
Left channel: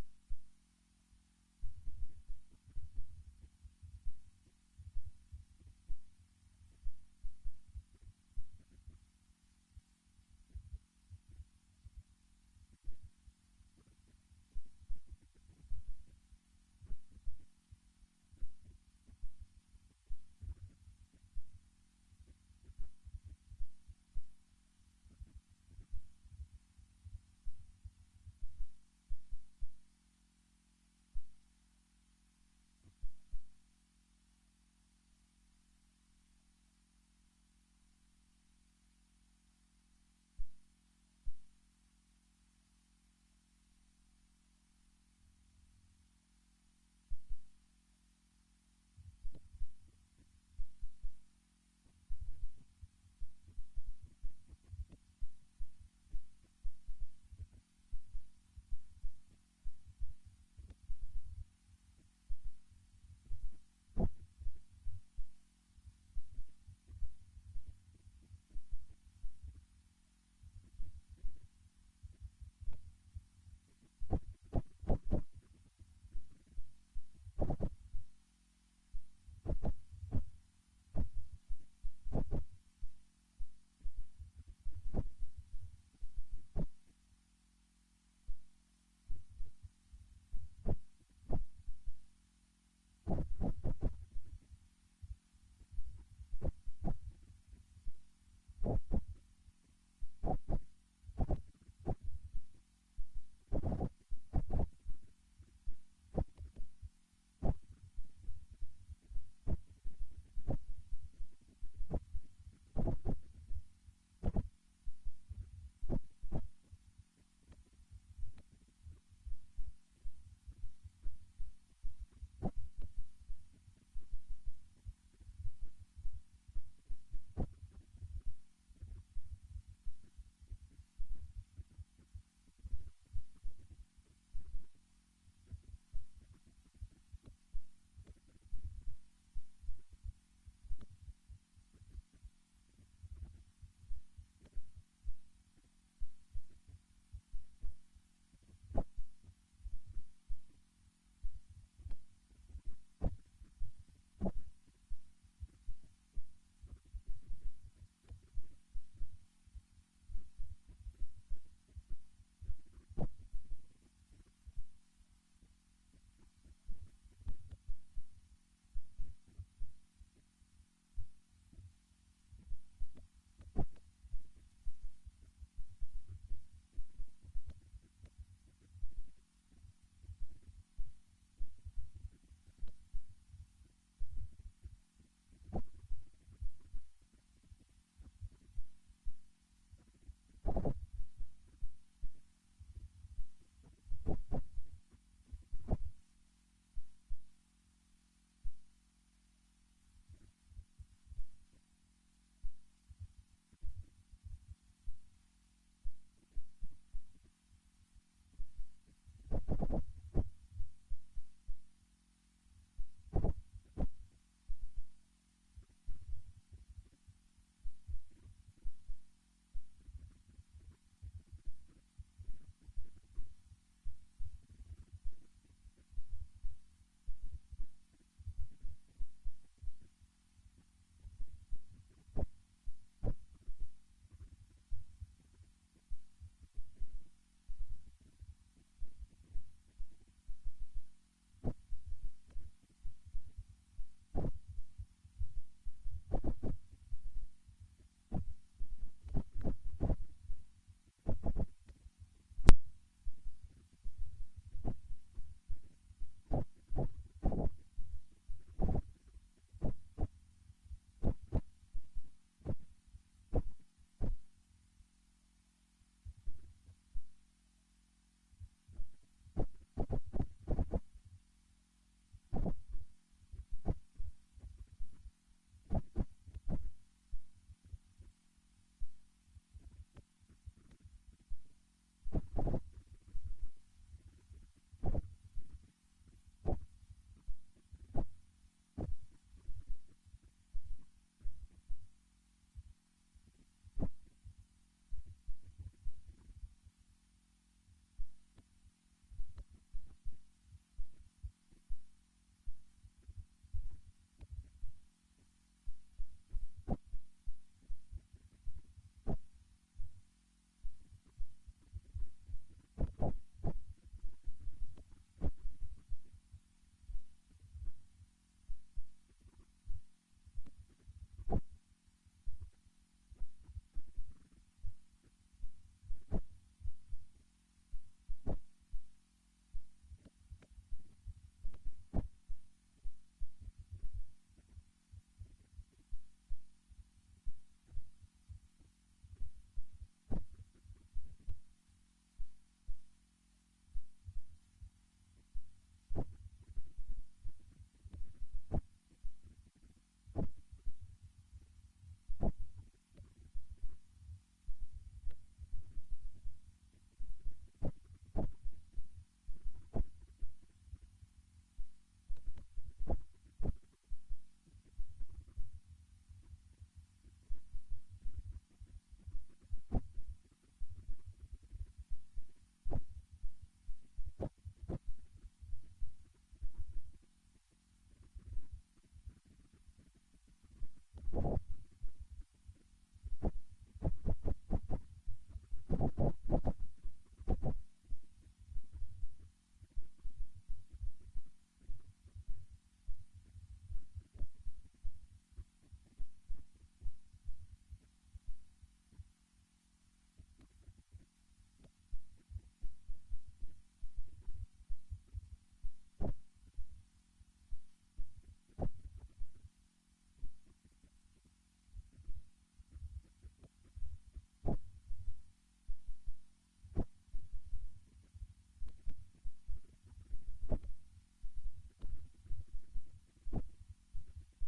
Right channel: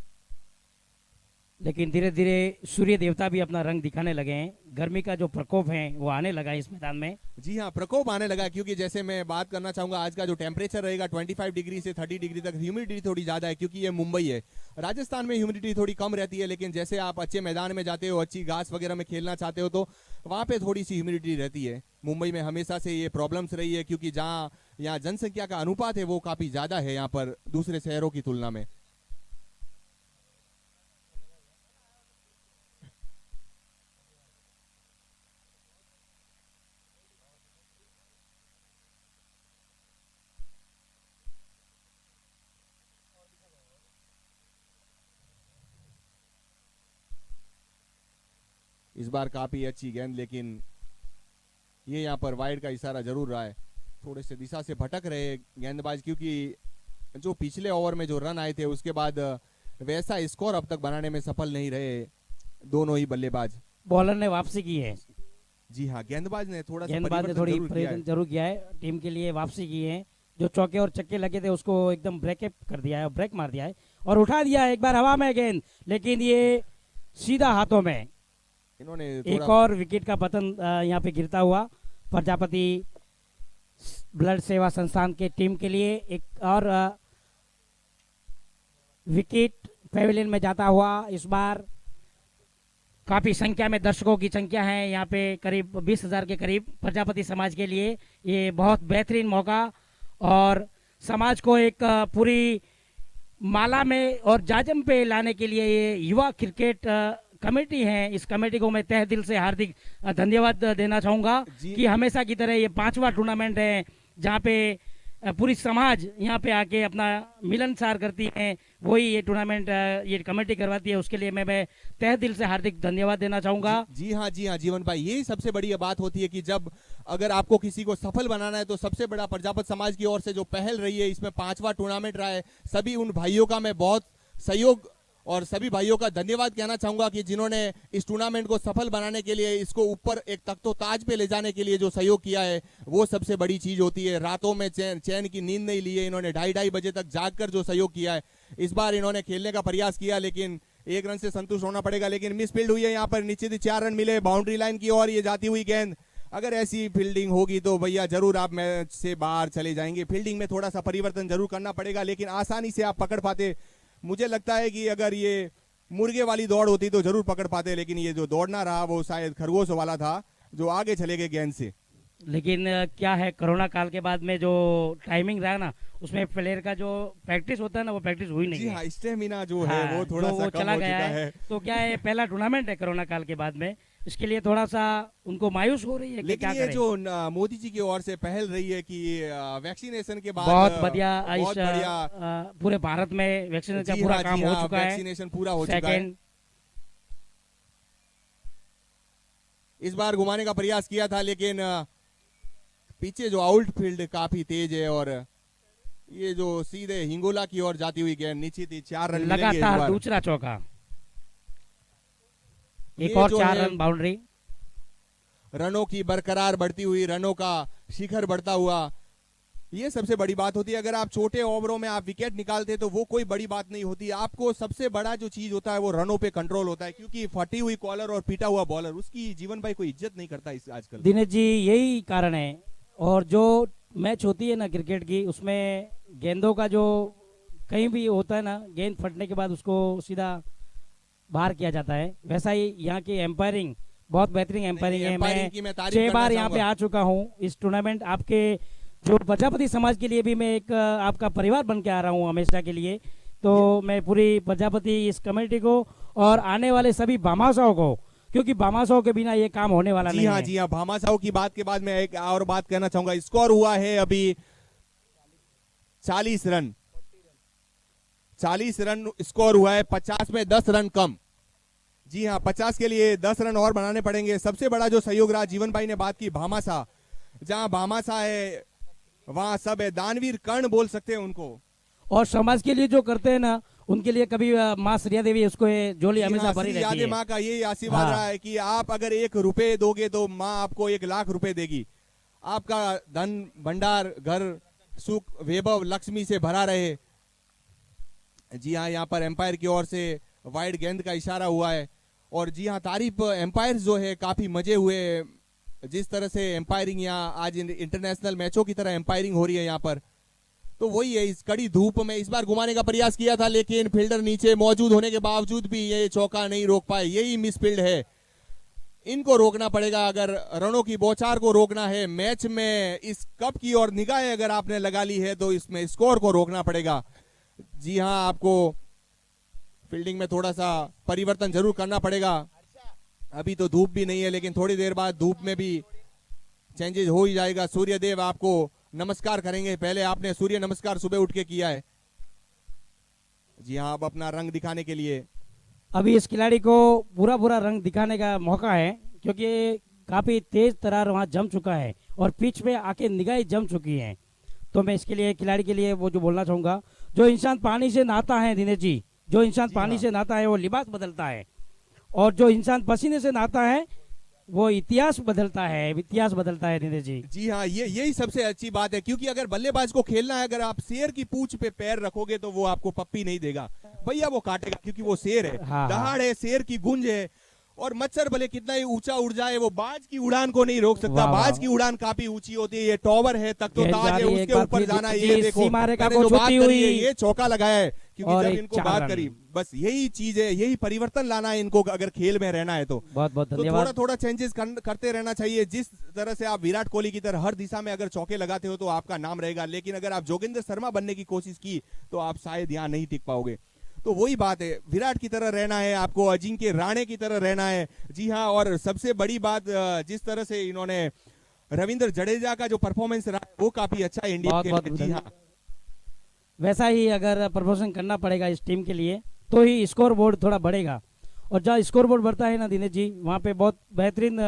लेकिन धीरे धीरे सूर्य देवता भी अपना रंग दिखाने लगे हैं। गर्मी का जो प्रकोप है वो आने लगा है इस मैदान में। जी हाँ, प्रकोप आने लगा, क्योंकि जैसे मैं बात करना चाहूंगा, आज का जो टेम्परेचर रहेगा 25 डिग्री से 30 डिग्री तक। ह्यूमिडिटी थोड़ी ज्यादा है, क्योंकि ये मुंबई है। राजस्थान में ह्यूमिडिटी थोड़ी कम रहती है, लेकिन जैसे आप अच्छे मैदान में जाते हो, अच्छी घास वगैरह में खेलना चाहते हो, तो वहाँ पे थोड़ी सी ह्यूमिडिटी रहती है। मुंबई में हमेशा से ये प्रॉब्लम्स रही है, क्योंकि जहाँ यहाँ जनसंख्या का अनुपात है वो काफी ज्यादा है यहाँ पर दूसरे शहरों की तुलना में। इस बार काफी अच्छी गेंद, लेकिन ये यहाँ पर वाइड का इशारा जरूर रहा है। थोड़े से दिशा से भटक रहे गेंदबाज, क्योंकि जो पिछले ओवर में जो रन आए थे उसके बाद वैसा स्कोर अब तक बनाने में सफल नहीं रहे दोनों ही बल्लेबाज। बॉलर ने वापसी की है। जी हाँ, गेंदबाज ने थोड़ा सा गेंदबाज ने परिवर्तन थोड़ी जरूर किया है। परिवर्तन जरूर किया है, टीम के लिए वापसी की है। जो चौके और चक्के लगे थे उसको एकदम ब्रेकअप कर दिया है, ब्रेक मार दिया है और उठा दिया है। एक बार हवा में गेंद, लेकिन ये सीधा हाथों में। इन्होंने एक थोड़ा और विकेट का पतन यहाँ पे गिरता हुआ प्रजापति ब्लड सेवा संस्थान के टीम के लिए। एक और विकेट पेविलियन में जाता हुआ। इस बार काफी संख्या में दर्शकों की संख्या है यहाँ पे, करीब 20,000 के करीब। प्रजापति समाज के लिए ये बहुत बेहतरीन मौका और समाज को एक पूरी माला में और जाजम पे लाने के लिए ये युवा क्रिकेट कमेटी है। इस कमेटी को मैं तहे दिल से हार्दिक धन्यवाद देना चाहूंगा कि हमेशा की तरह ये 5वां टूर्नामेंट है जहाँ पे पूरी समाज यहाँ पे आके अपना मिलनसार करती है। वही ये टूर्नामेंट ये कमेटी करवाती है, उसके लिए मैं तहे दिल से हार्दिक धन्यवाद देना चाहूंगा। जी हाँ, जी हाँ जीवन भाई, यही सबसे बड़ी बात होती है कि जब अगर आपको किसी को सफल बनाना है तो सबसे बड़ा प्रजापति समाज की ओर से जो पहल रही है, इसमें 5वां टूर्नामेंट रहा है। सभी उन भाइयों का मैं बहुत सहयोग और सभी भाइयों का धन्यवाद कहना चाहूंगा कि जिन्होंने इस टूर्नामेंट को सफल बनाने के लिए, इसको ऊपर एक तख्तो ताज पे ले जाने के लिए जो सहयोग किया है, वो सबसे बड़ी चीज होती है। रातों में चैन की नींद नहीं ली है इन्होंने, 2:30 बजे तक जाग कर जो सहयोग किया है। इस बार इन्होंने खेलने का प्रयास किया, लेकिन 1 रन से संतुष्ट होना पड़ेगा। लेकिन मिस फील्ड हुई है यहाँ पर, निश्चित ही 4 रन मिले बाउंड्री लाइन की ओर ये जाती हुई गेंद। अगर ऐसी फील्डिंग होगी तो भैया जरूर आप मैच से बाहर चले जाएंगे। फील्डिंग में थोड़ा सा परिवर्तन जरूर करना पड़ेगा, लेकिन आसानी से आप पकड़ पाते। मुझे लगता है कि अगर ये मुर्गे वाली दौड़ होती तो जरूर पकड़ पाते, लेकिन ये जो दौड़ना रहा वो शायद खरगोश वाला था जो आगे चले गए गेंद से। लेकिन क्या है, कोरोना काल के बाद में जो टाइमिंग रहा ना, उसमें प्लेयर का जो प्रैक्टिस होता है ना, वो प्रैक्टिस हुई नहीं जी है। हाँ, स्टेमिना जो हाँ, है वो थोड़ा जो सा वो कम चला हो गया चुका है। तो क्या है, पहला टूर्नामेंट है कोरोना काल के बाद में, इसके लिए थोड़ा सा उनको मायूस हो रही है कि लेकिन क्या ये करें। जो मोदी जी की ओर से पहल रही है कि वैक्सीनेशन के बाद बहुत बढ़िया, बहुत इस बढ़िया पूरे भारत में वैक्सीनेशन का जी पूरा हाँ, काम जी हो हाँ, चुका है। वैक्सीनेशन पूरा हो चुका है। सेकेंड इस बार घुमाने का प्रयास किया था, लेकिन पीछे जो आउटफील्ड काफी तेज है और ये जो सीधे हिंगोला की ओर जाती हुई गेंद, निश्चित ही 4 रन मिलेंगे इस लगातार बार। दूसरा चौका, एक ये और जो 4 है रन बाउंड्री। रनों की बरकरार बढ़ती हुई, रनों का शिखर बढ़ता हुआ, ये सबसे बड़ी बात होती है। अगर आप छोटे ओवरों में आप विकेट निकालते तो वो कोई बड़ी बात नहीं होती। आपको सबसे बड़ा जो चीज होता है वो रनों पे कंट्रोल होता है, क्योंकि फटी हुई कॉलर और पीटा हुआ बॉलर उसकी जीवन भाई कोई इज्जत नहीं करता इस आजकल। दिनेश जी यही कारण है। और जो मैच होती है ना क्रिकेट की, उसमें गेंदों का जो कहीं भी होता है ना, गेंद फटने के बाद उसको सीधा बाहर किया जाता है। वैसा ही यहाँ की एम्पायरिंग बहुत बेहतरीन एम्पायरिंग है। एम्पायरिंग की मैं मैं तारीफ 6 करना बार यहाँ पे चाहूंगा। आ चुका हूँ इस टूर्नामेंट। आपके जो प्रजापति समाज के लिए भी मैं एक आपका परिवार बन के आ रहा हूँ हमेशा के लिए। तो मैं पूरी प्रजापति इस कमेटी को और आने वाले सभी भामाशाहों को, क्योंकि भामाशाहों के बिना ये काम होने वाला नहीं है। जी हाँ, भामाशाहों की बात के बाद मैं एक और बात कहना चाहूंगा। स्कोर हुआ है अभी 40 रन, 40 रन स्कोर हुआ है। 50 में 10 रन कम। जी हाँ, 50 के लिए 10 रन और बनाने पड़ेंगे। सबसे बड़ा जो सहयोग रहा, जीवन भाई ने बात की भामाशाह, जहां भामाशाह है वहां सब है। दानवीर कर्ण बोल सकते हैं उनको। और समाज के लिए जो करते हैं ना, उनके लिए कभी माँ श्रिया देवी उसको झोली हमेशा भरी रहती यादें है। माँ का यही आशीर्वाद रहा है कि आप अगर 1 रुपए दोगे तो माँ आपको 1 लाख रुपए देगी। आपका धन भंडार, घर, सुख, वैभव, लक्ष्मी से भरा रहे। जी हाँ, यहाँ पर एम्पायर की ओर से वाइड गेंद का इशारा हुआ है। और जी हाँ, तारीफ एम्पायर जो है काफी मजे हुए। जिस तरह से एम्पायरिंग यहाँ आज इंटरनेशनल मैचों की तरह एम्पायरिंग हो रही है यहाँ पर, तो वही है। इस कड़ी धूप में इस बार घुमाने का प्रयास किया था, लेकिन फील्डर नीचे मौजूद होने के बावजूद भी ये चौका नहीं रोक पाए। यही मिसफील्ड है, इनको रोकना पड़ेगा। अगर रनों की बौछार को रोकना है मैच में, इस कप की और निगाहें अगर आपने लगा ली है तो इसमें स्कोर को रोकना पड़ेगा। जी हाँ, आपको फील्डिंग में थोड़ा सा परिवर्तन जरूर करना पड़ेगा। अभी तो धूप भी नहीं है, लेकिन थोड़ी देर बाद धूप में भी चेंजेस हो ही जाएगा। सूर्य देव आपको नमस्कार करेंगे। पहले आपने सूर्य नमस्कार सुबह उठ के किया है। जी हाँ, अब अपना रंग दिखाने के लिए अभी इस खिलाड़ी को पूरा पूरा रंग दिखाने का मौका है, क्योंकि काफी तेज तरार वहां जम चुका है और पिच पे आके निगाहें जम चुकी हैं। तो मैं इसके लिए खिलाड़ी के लिए वो जो बोलना चाहूंगा, जो इंसान पानी से नहाता है दिनेश जी, जो इंसान पानी से नहाता है वो लिबास बदलता है, और जो इंसान पसीने से नहाता है वो इतिहास बदलता है, इतिहास बदलता है दिनेश जी। जी हाँ, यही सबसे अच्छी बात है। क्योंकि अगर बल्लेबाज को खेलना है, अगर आप शेर की पूंछ पे पैर रखोगे तो वो आपको पप्पी नहीं देगा भैया, वो काटेगा, क्योंकि वो शेर है। हाँ, दहाड़ है, शेर की गूंज है। और मच्छर भले कितना ही ऊंचा उड़ जाए, वो बाज की उड़ान को नहीं रोक सकता। बाज की उड़ान काफी ऊंची होती है। ये टॉवर है, तख्तोताज है, उसके ऊपर जाना है। ये देखो, मैंने जो बात करी है, ये चौका लगाया है। क्योंकि जब इनको बात करी, बस यही चीज है, यही परिवर्तन लाना है इनको अगर खेल में रहना है तो। बहुत बहुत तो धन्यवाद। थोड़ा थोड़ा चेंजेस करते रहना चाहिए। जिस तरह से आप विराट कोहली की तरह हर दिशा में अगर चौके लगाते हो तो आपका नाम रहेगा, लेकिन अगर आप जोगिंदर शर्मा बनने की कोशिश की तो आप शायद यहाँ नहीं टिक पाओगे। तो वही बात है, विराट की तरह रहना है आपको, अजिंक्य राणे की तरह रहना है। जी हाँ, और सबसे बड़ी बात, जिस तरह से इन्होंने रविंद्र जडेजा का जो परफॉर्मेंस रहा वो काफी अच्छा है इंडिया के लिए। जी हाँ, वैसा ही अगर प्रमोशन करना पड़ेगा इस टीम के लिए, तो ही स्कोर बोर्ड थोड़ा बढ़ेगा। और जहाँ स्कोर बोर्ड बढ़ता है ना दिनेश जी, वहाँ पे बहुत बेहतरीन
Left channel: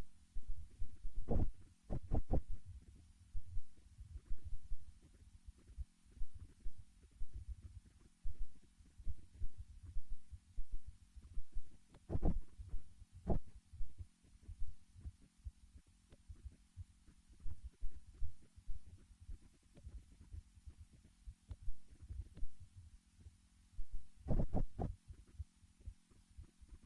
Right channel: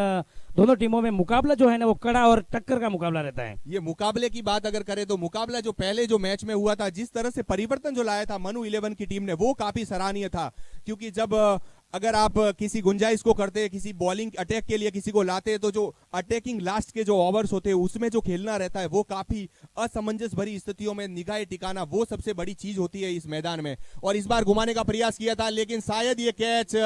दोनों टीमों में मुकाबला जो है ना वो कड़ा और टक्कर का मुकाबला रहता है। ये मुकाबले की बात अगर करें तो मुकाबला जो पहले जो मैच में हुआ था, जिस तरह से परिवर्तन जो लाया था मनु 11 की टीम ने, वो काफी सराहनीय था। क्योंकि जब अगर आप किसी गुंजाइश को करते, किसी बॉलिंग अटैक के लिए किसी को लाते, तो जो अटैकिंग लास्ट के जो ओवर्स होते हैं उसमें जो खेलना रहता है वो काफी असमंजस भरी स्थितियों में निगाहें टिकाना, वो सबसे बड़ी चीज होती है इस मैदान में। और इस बार घुमाने का प्रयास किया था, लेकिन शायद ये कैच,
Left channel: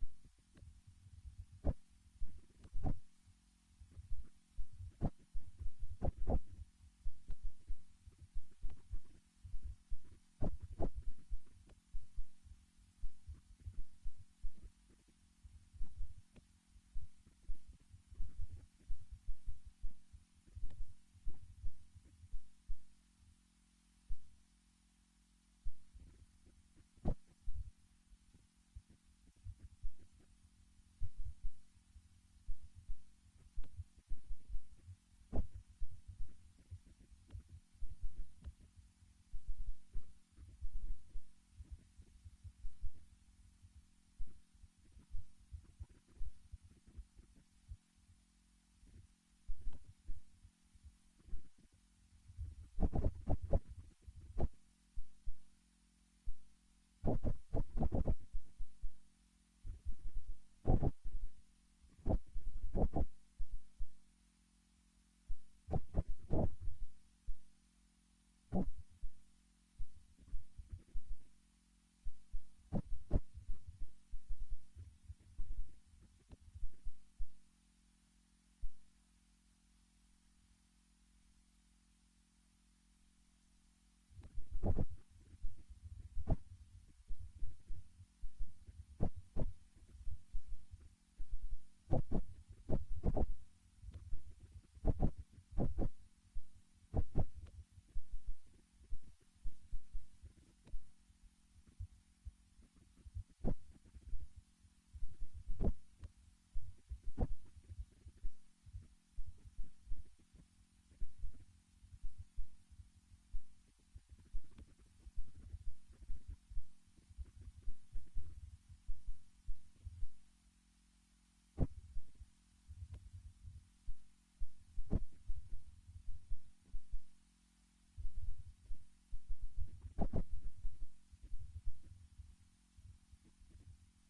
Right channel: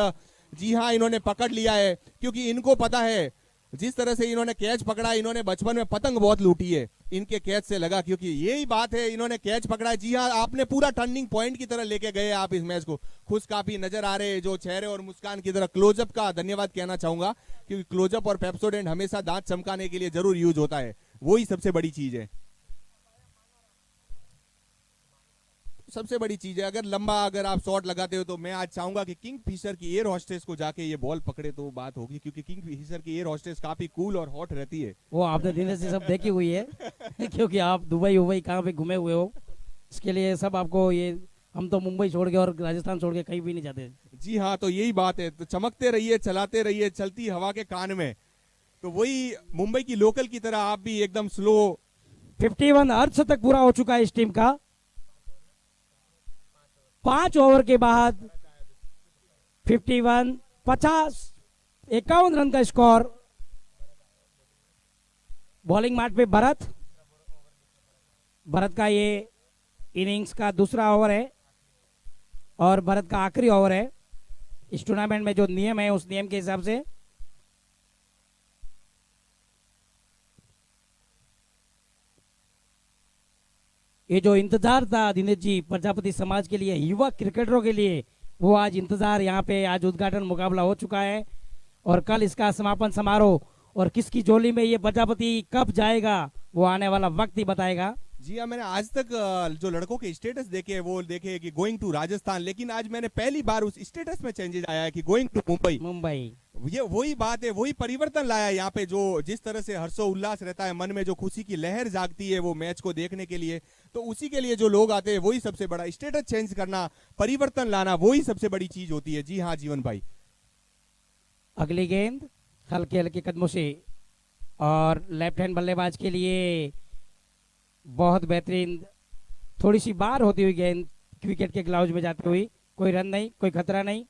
जी हाँ, इन्होंने पकड़ लिया है। क्योंकि इनको पता है जिस तरह से इन्होंने कैच पकड़ा, इन्होंने बचपन में पतंग बहुत लूटी है, इनके कैच से लगा। क्योंकि यही बात है, इन्होंने कैच पकड़ा है। जी हाँ, आपने पूरा टर्निंग पॉइंट की तरह लेके गए आप इस मैच को। खुश काफी नजर आ रहे हैं, जो चेहरे और मुस्कान की तरह। क्लोजअप का धन्यवाद कहना चाहूंगा, क्योंकि क्लोजअप और पेप्सोडेंट हमेशा दांत चमकाने के लिए जरूर यूज होता है, वही सबसे बड़ी चीज है। सबसे बड़ी चीज है, अगर लंबा अगर आप शॉट लगाते हो तो मैं आज चाहूंगा कि किंग फिशर की एयर हॉस्टेस को जाके ये बॉल पकड़े तो बात होगी। क्योंकि किंग फिशर की एयर हॉस्टेस काफी कूल और हॉट रहती है। वो आपने दिनेश जी सब देखी हुई है क्योंकि आप दुबई उबई कहाँ पे घूमे हुए हो, इसके लिए सब आपको ये, हम तो मुंबई छोड़ के और राजस्थान छोड़ के कहीं भी नहीं जाते। जी हाँ, तो यही बात है। तो चमकते रहिए, चलाते रहिए, चलती हवा के कान में। तो वही मुंबई की लोकल की तरह आप भी एकदम स्लो। 51 अर्धशतक पूरा हो चुका है इस टीम का। 5 ओवर के बाद 51 51 रन का स्कोर। बॉलिंग मार्ट पे भरत, भरत का ये इनिंग्स का दूसरा ओवर है और भरत का आखिरी ओवर है इस टूर्नामेंट में। जो नियम है उस नियम के हिसाब से ये जो इंतजार था दिनेश जी प्रजापति समाज के लिए, युवा क्रिकेटरों के लिए, वो आज इंतजार यहाँ पे आज उद्घाटन मुकाबला हो चुका है और कल इसका समापन समारोह। और किसकी झोली में ये प्रजापति कब जाएगा वो आने वाला वक्त ही बताएगा। जी हाँ, मैंने आज तक जो लड़कों के स्टेटस देखे वो देखे कि गोइंग टू राजस्थान, लेकिन आज मैंने पहली बार उस स्टेटस में चेंजेस आया है कि गोइंग टू मुंबई। ये वही बात है, वही परिवर्तन लाया है यहाँ पे। जो जिस तरह से हर्षो उल्लास रहता है मन में, जो खुशी की लहर जागती है वो मैच को देखने के लिए, तो उसी के लिए जो लोग आते हैं वही सबसे बड़ा स्टेटस चेंज करना, परिवर्तन लाना, वही सबसे बड़ी चीज होती है। जी हाँ जीवन भाई। अगली गेंद हल्के हल्के कदमों से और लेफ्ट हैंड बल्लेबाज के लिए बहुत बेहतरीन, थोड़ी सी बार होती हुई गेंद विकेट के ग्लाउज में जाती हुई। कोई रन नहीं, कोई खतरा नहीं,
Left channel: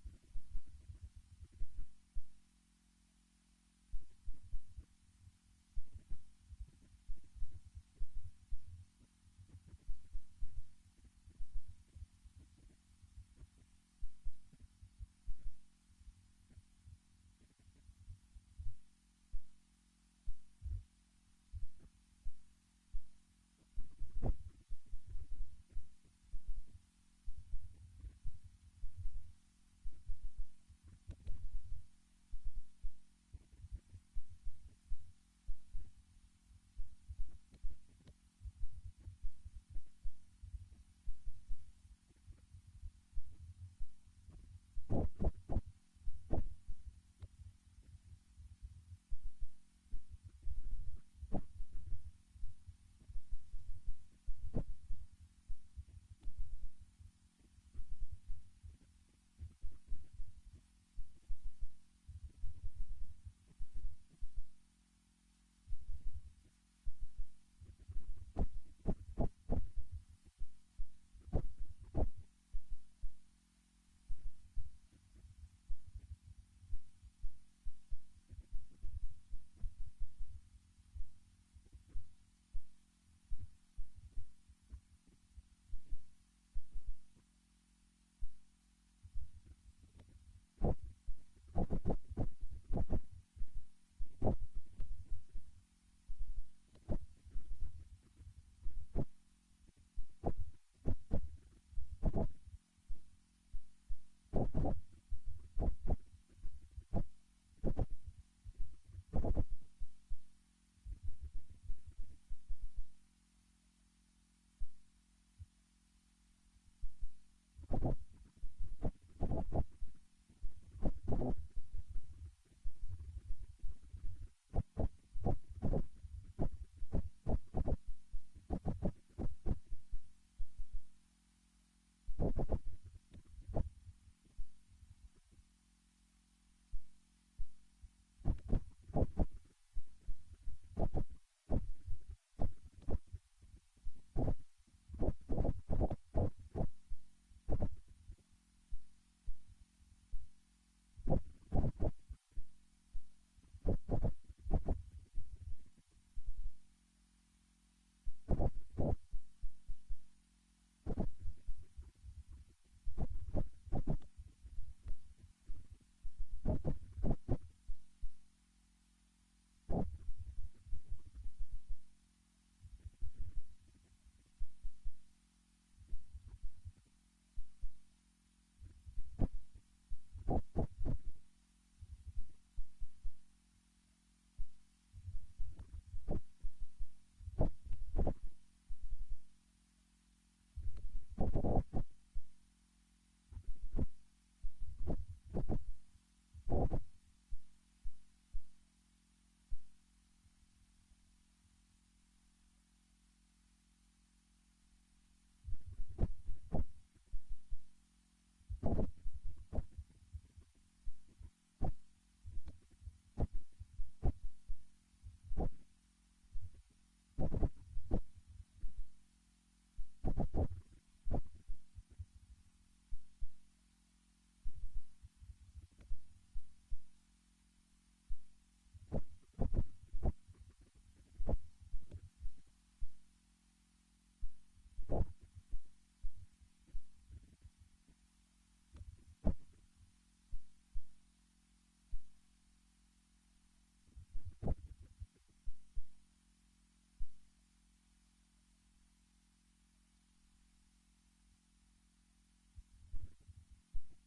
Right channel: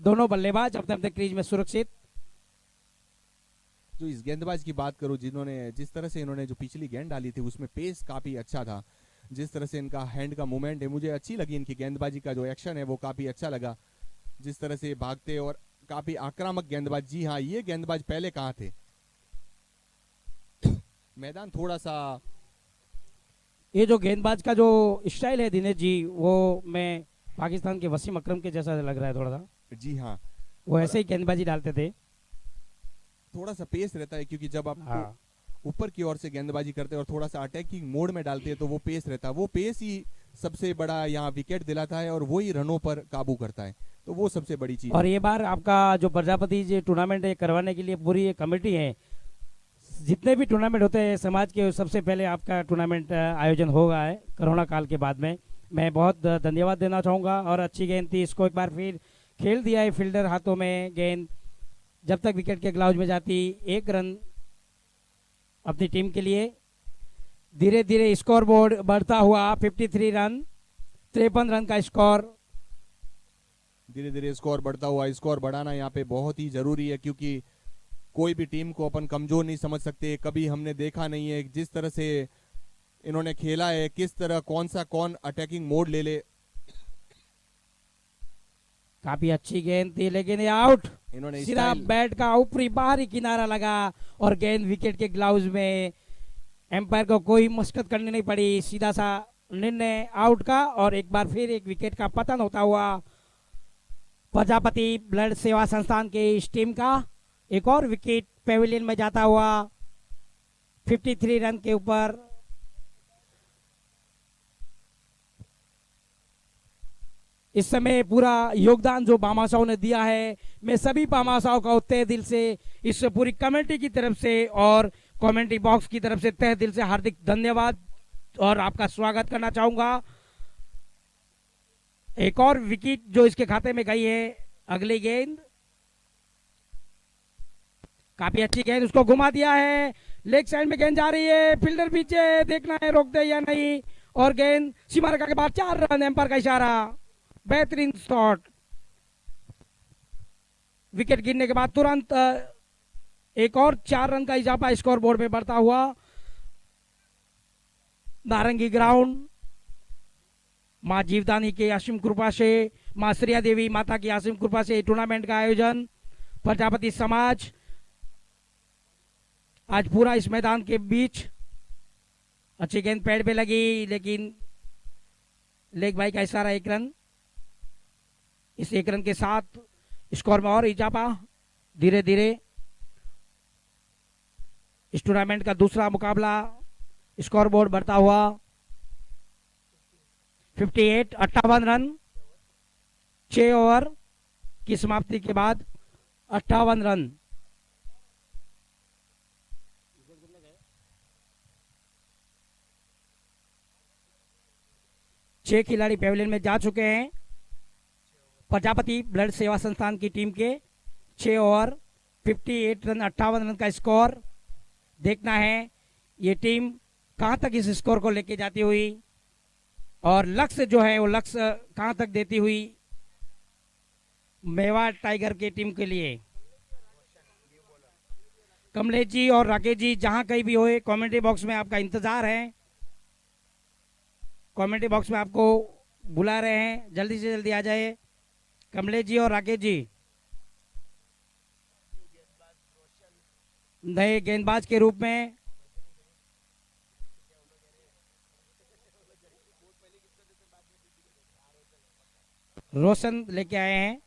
दोनों बल्लेबाज अपने अपने क्रीज में सुरक्षित। जो इस गेंदबाज की बात करूं जिन्होंने जिस तरह से इन्होंने जो पिछली गेंद डाली थी उसमें पेस काफी अच्छा था, जिस तरह से इनका हैंड का मूवमेंट है मुझे अच्छी लगी, इनकी गेंदबाजी का जो एक्शन है वो काफी अच्छा लगा, जिस तरह से भागते और काफी आक्रामक गेंदबाज। जी हाँ, ये गेंदबाज पहले कहाँ थे। मैदान थोड़ा सा, ये जो गेंदबाज का जो स्टाइल है दिनेश जी, वो मैं पाकिस्तान के वसीम अकरम के जैसा लग रहा है थोड़ा सा। जी हाँ, वो ऐसे ही गेंदबाजी डालते थे, थोड़ा सा पेस रहता है क्योंकि जब आप हाँ। ऊपर की ओर से गेंदबाजी करते हैं और थोड़ा सा अटैकिंग मोड में डालते हैं तो वो पेस रहता है, वो पेस ही सबसे बड़ा यहाँ विकेट दिलाता है और वही रनों पर काबू करता है, तो वो सबसे बड़ी चीज। और ये बार आपका जो प्रजापति जी टूर्नामेंट करवाने के लिए पूरी एक कमेटी है, जितने भी टूर्नामेंट होते हैं समाज के, सबसे पहले आपका टूर्नामेंट आयोजन होगा है कोरोना काल के बाद में। मैं बहुत धन्यवाद देना चाहूँगा। और अच्छी गेंद थी, इसको एक बार फिर खेल दिया है फील्डर हाथों में गेंद, जब तक विकेट के ग्लाउज में जाती। एक रन अपनी टीम के लिए। धीरे धीरे स्कोर बोर्ड बढ़ता हुआ 53 रन, 53 रन का स्कोर। धीरे धीरे स्कोर बढ़ता हुआ, स्कोर बढ़ाना यहाँ पे बहुत ही जरूरी है क्योंकि कोई भी टीम को अपन कमजोर नहीं समझ सकते। कभी हमने देखा नहीं है जिस तरह से इन्होंने खेला है, किस तरह कौन अटैकिंग मोड ले ले। काफी अच्छी गेंद थी लेकिन ये आउट। इन्होंने सीधा बैट का ऊपरी बाहरी किनारा लगा और गेंद विकेट के ग्लाउज में। एम्पायर को कोई मशक्कत करनी नहीं पड़ी, सीधा सा निर्णय आउट का। और एक बार फिर एक विकेट का पतन होता हुआ प्रजापति ब्लड सेवा संस्थान के इस टीम का एक और विकेट पेविलियन में जाता हुआ 53 रन के ऊपर। इस समय पूरा योगदान जो भामाशाह ने दिया है, मैं सभी भामाशाह का तहे दिल से, इस पूरी कमेटी की तरफ से और कमेंट्री बॉक्स की तरफ से तहे दिल से हार्दिक धन्यवाद और आपका स्वागत करना चाहूंगा। एक और विकेट जो इसके खाते में गई है। अगली गेंद काफी अच्छी गेंद, उसको घुमा दिया है, लेग साइड में गेंद जा रही है, फील्डर पीछे, देखना है रोक दे या नहीं। और गेंद सीमा रेखा के बाद 4 रन, एम्पायर का इशारा, बेहतरीन शॉट। विकेट गिरने के बाद तुरंत एक और 4 रन का इजाफा स्कोर बोर्ड में बढ़ता हुआ। नारंगी ग्राउंड, माँ जीवदानी के असीम कृपा से, माँ श्रिया देवी माता की असीम कृपा से टूर्नामेंट का आयोजन प्रजापति समाज आज पूरा इस मैदान के बीच। अच्छी गेंद पैड पे लगी लेकिन लेग भाई का इशारा, 1 रन। इस 1 रन के साथ स्कोर में और इजाफा। धीरे धीरे इस टूर्नामेंट का दूसरा मुकाबला, स्कोर बोर्ड बढ़ता हुआ 58 रन, 6 ओवर की समाप्ति के बाद 58 रन। छह खिलाड़ी पेविलियन में जा चुके हैं। प्रजापति ब्लड सेवा संस्थान की टीम के 6 ओवर 58 रन, 58 रन का स्कोर। देखना है ये टीम कहां तक इस स्कोर को लेके जाती हुई और लक्ष्य जो है वो लक्ष्य कहां तक देती हुई मेवाड़ टाइगर की टीम के लिए। कमलेश जी और राकेश जी जहां कहीं भी होए, कमेंट्री बॉक्स में आपका इंतजार है। कमेंट्री बॉक्स में आपको बुला रहे हैं, जल्दी से जल्दी आ जाए कमलेश जी और राकेश जी। नए गेंदबाज के रूप में रोशन लेके आए हैं।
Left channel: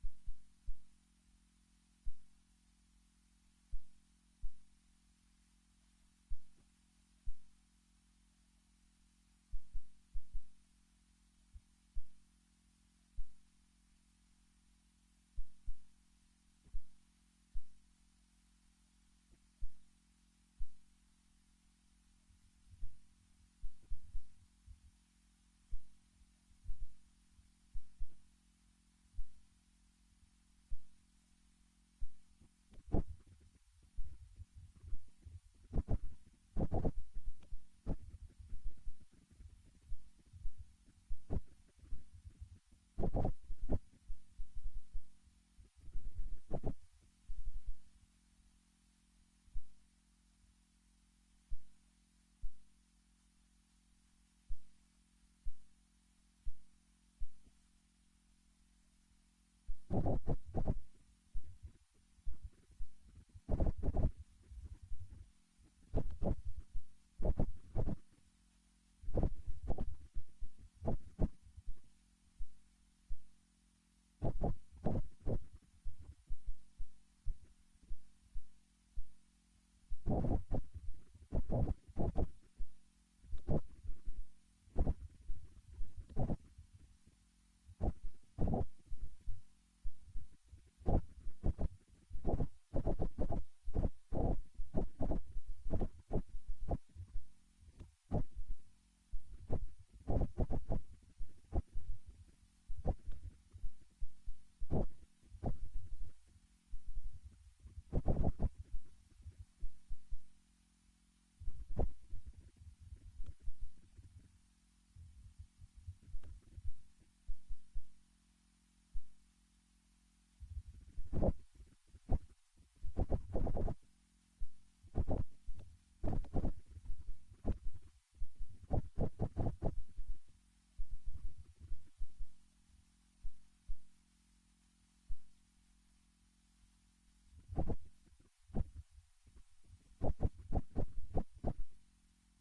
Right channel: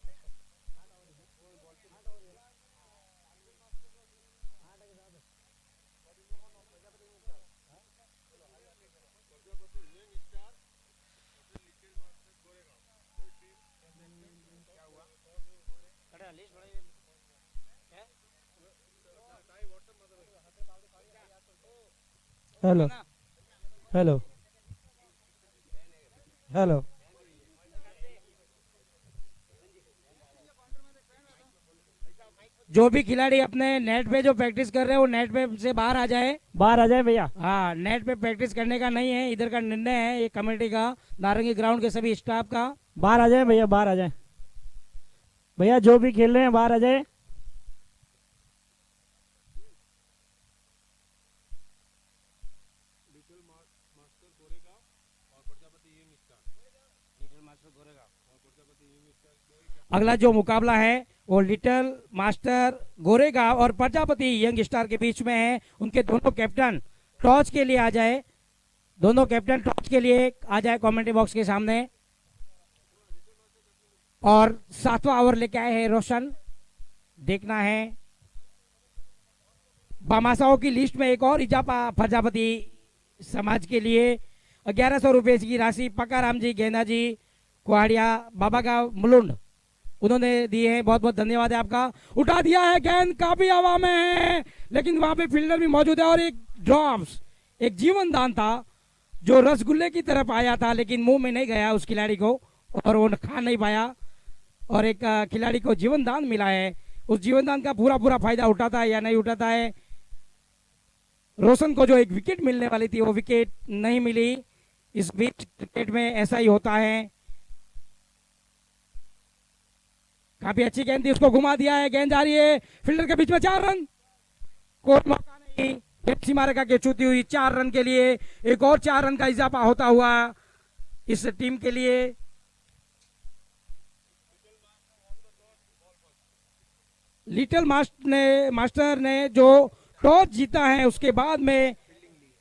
Hello hello hello. जो भी खिलाड़ी अपने नेट पे जो प्रैक्टिस कर रहे हैं वो नेट पे से बाहर आ जाए। बाहर आ जाए भैया। हाँ, नेट पे प्रैक्टिस करने का नहीं है, इधर का निर्णय है ये कमेटी का, नारंगी ग्राउंड के सभी स्टाफ का। बाहर आ जाए भैया, बाहर आ जाए भैया, जो भी खेल रहे हैं बाहर आ जाए। अगला जो मुकाबला है वो लिटिल मास्टर गोरेगांव और प्रजापति यंग स्टार के बीच में है। उनके दोनों कैप्टन टॉस के लिए आ जाए, दोनों कैप्टन टॉस के लिए आ जाए कमेंट्री बॉक्स के सामने। और 7वां ओवर लेके आए हैं रोशन। देखना है बामासाओं की लिस्ट में एक और इजाफा प्रजापति समाज के लिए 1100 रुपए की राशि पकाराम जी, गेंदा जी, कुहाड़िया, बाबा का मुलुंड उन्होंने दिए हैं, बहुत बहुत धन्यवाद है आपका। उठा दिया है, गेंद काफी हवा में है लेकिन वहां पे फील्डर भी मौजूद है और एक ड्रॉप्स, एक जीवन दान था जो रसगुल्ले की तरफ आया था लेकिन मुंह में नहीं गया उस खिलाड़ी को और वो खा नहीं पाया और एक खिलाड़ी को जीवन दान मिला है। उस जीवन दान का पूरा पूरा फायदा उठाता है या नहीं उठाता है। रोशन को जो एक विकेट मिलने वाली थी वो विकेट नहीं मिली। इस बीच क्रिकेट में ऐसा ही होता है। काफी अच्छी गेंद थी, उसको घुमा दिया है, गेंद जा रही है फील्डर के बीच में, 4 रन, कोई मौका नहीं, पेप्सी मारेगा के छूती हुई 4 रन के लिए एक और 4 रन का इजाफा होता हुआ इस टीम के लिए। लिटिल मास्टर ने जो टॉस जीता है उसके बाद में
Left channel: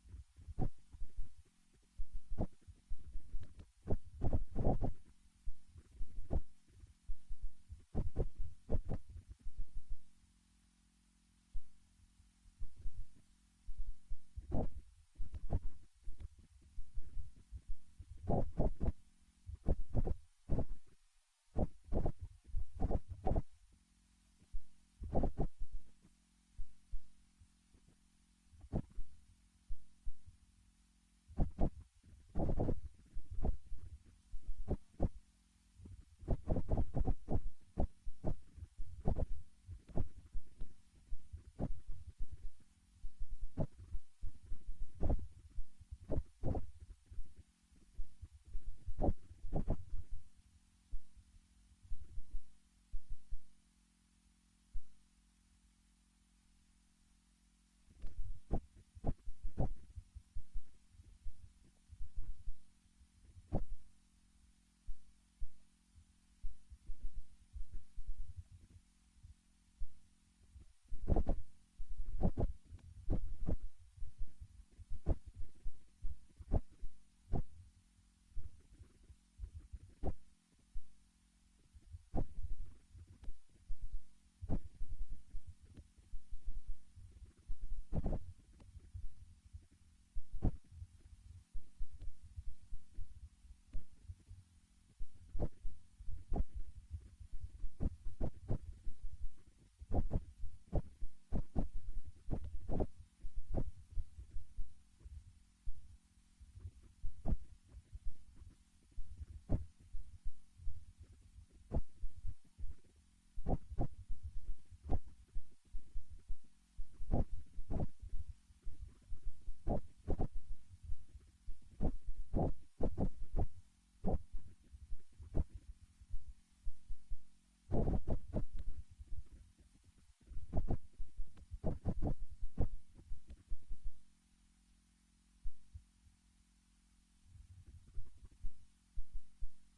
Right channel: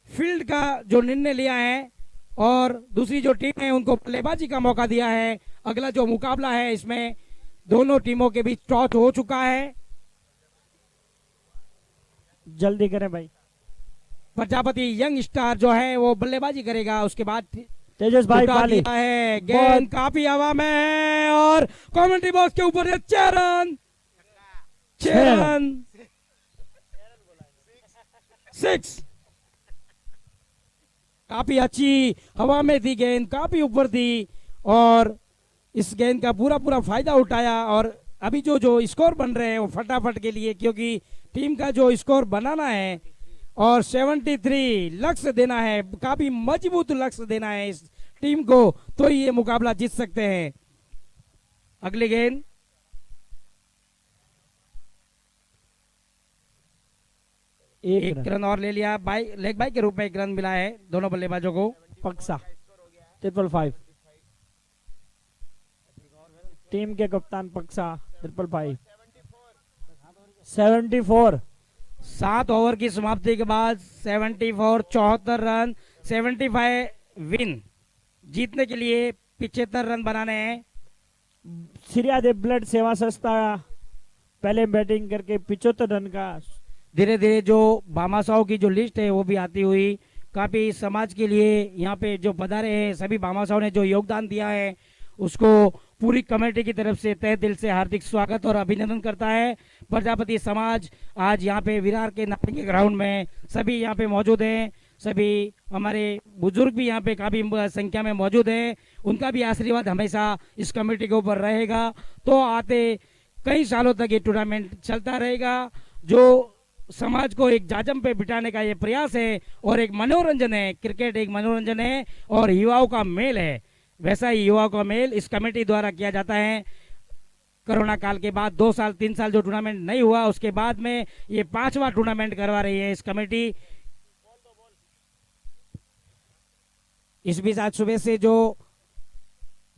फील्ड का जो निर्णय लिया है और दूसरी जो टीम है उनको बल्लेबाजी का मौका दिया है। अगला जो मुकाबला है इसमें दोनों टीमों के बीच टॉस हो चुका है। जल्दी करें भाई। प्रजापति यंग स्टार जो है वो बल्लेबाजी करेगा, उसके बाद तेजस भाई उठा पाली दिया है, गेंद काफी हवा में है और कमेंट्री बॉक्स के ऊपर 6 रन, 6 रन, 6। काफी अच्छी हवा में थी गेंद, काफी ऊपर थी और इस गेंद का पूरा पूरा फायदा उठाया। और अभी जो जो स्कोर बन रहे हैं वो फटाफट के लिए, क्योंकि टीम का जो स्कोर बनाना है और 73 लक्ष्य देना है, काफी मजबूत लक्ष्य देना है इस टीम को, तो ये मुकाबला जीत सकते हैं। अगली गेंद एक रन और ले लिया, लेग बाई के रूप में 1 रन मिला है दोनों बल्लेबाजों को। पक्सा 555 टीम के कप्तान पक्सा 555 74। 7 ओवर की समाप्ति के बाद 74, 74 रन, 75 विन, जीतने के लिए 75 रन बनाने हैं। श्रीयादेव ब्लड सेवा संस्था पहले बैटिंग करके 75 रन का। धीरे धीरे जो भामाशाहों की जो लिस्ट है वो भी आती हुई, काफी समाज के लिए यहाँ पे जो पधारे हैं सभी भामाशाहों ने जो योगदान दिया है उसको पूरी कमेटी की तरफ से तहे दिल से हार्दिक स्वागत और अभिनंदन करता है। प्रजापति समाज आज यहाँ पे विरार के नारंगी ग्राउंड में सभी यहाँ पे मौजूद हैं, सभी हमारे बुजुर्ग भी यहाँ पे काफी संख्या में मौजूद हैं, उनका भी आशीर्वाद हमेशा इस कमेटी के ऊपर रहेगा। तो आते कई सालों तक ये टूर्नामेंट चलता रहेगा। जो समाज को एक जाजम पे बिठाने का ये प्रयास है और एक मनोरंजन है, क्रिकेट एक मनोरंजन है और युवाओं का मेल है, वैसा ही युवाओं का मेल इस कमेटी द्वारा किया जाता है। कोरोना काल के बाद 2 साल 3 साल जो टूर्नामेंट नहीं हुआ, उसके बाद में ये 5वां टूर्नामेंट करवा रही है इस कमेटी। इस बीच आज सुबह से जो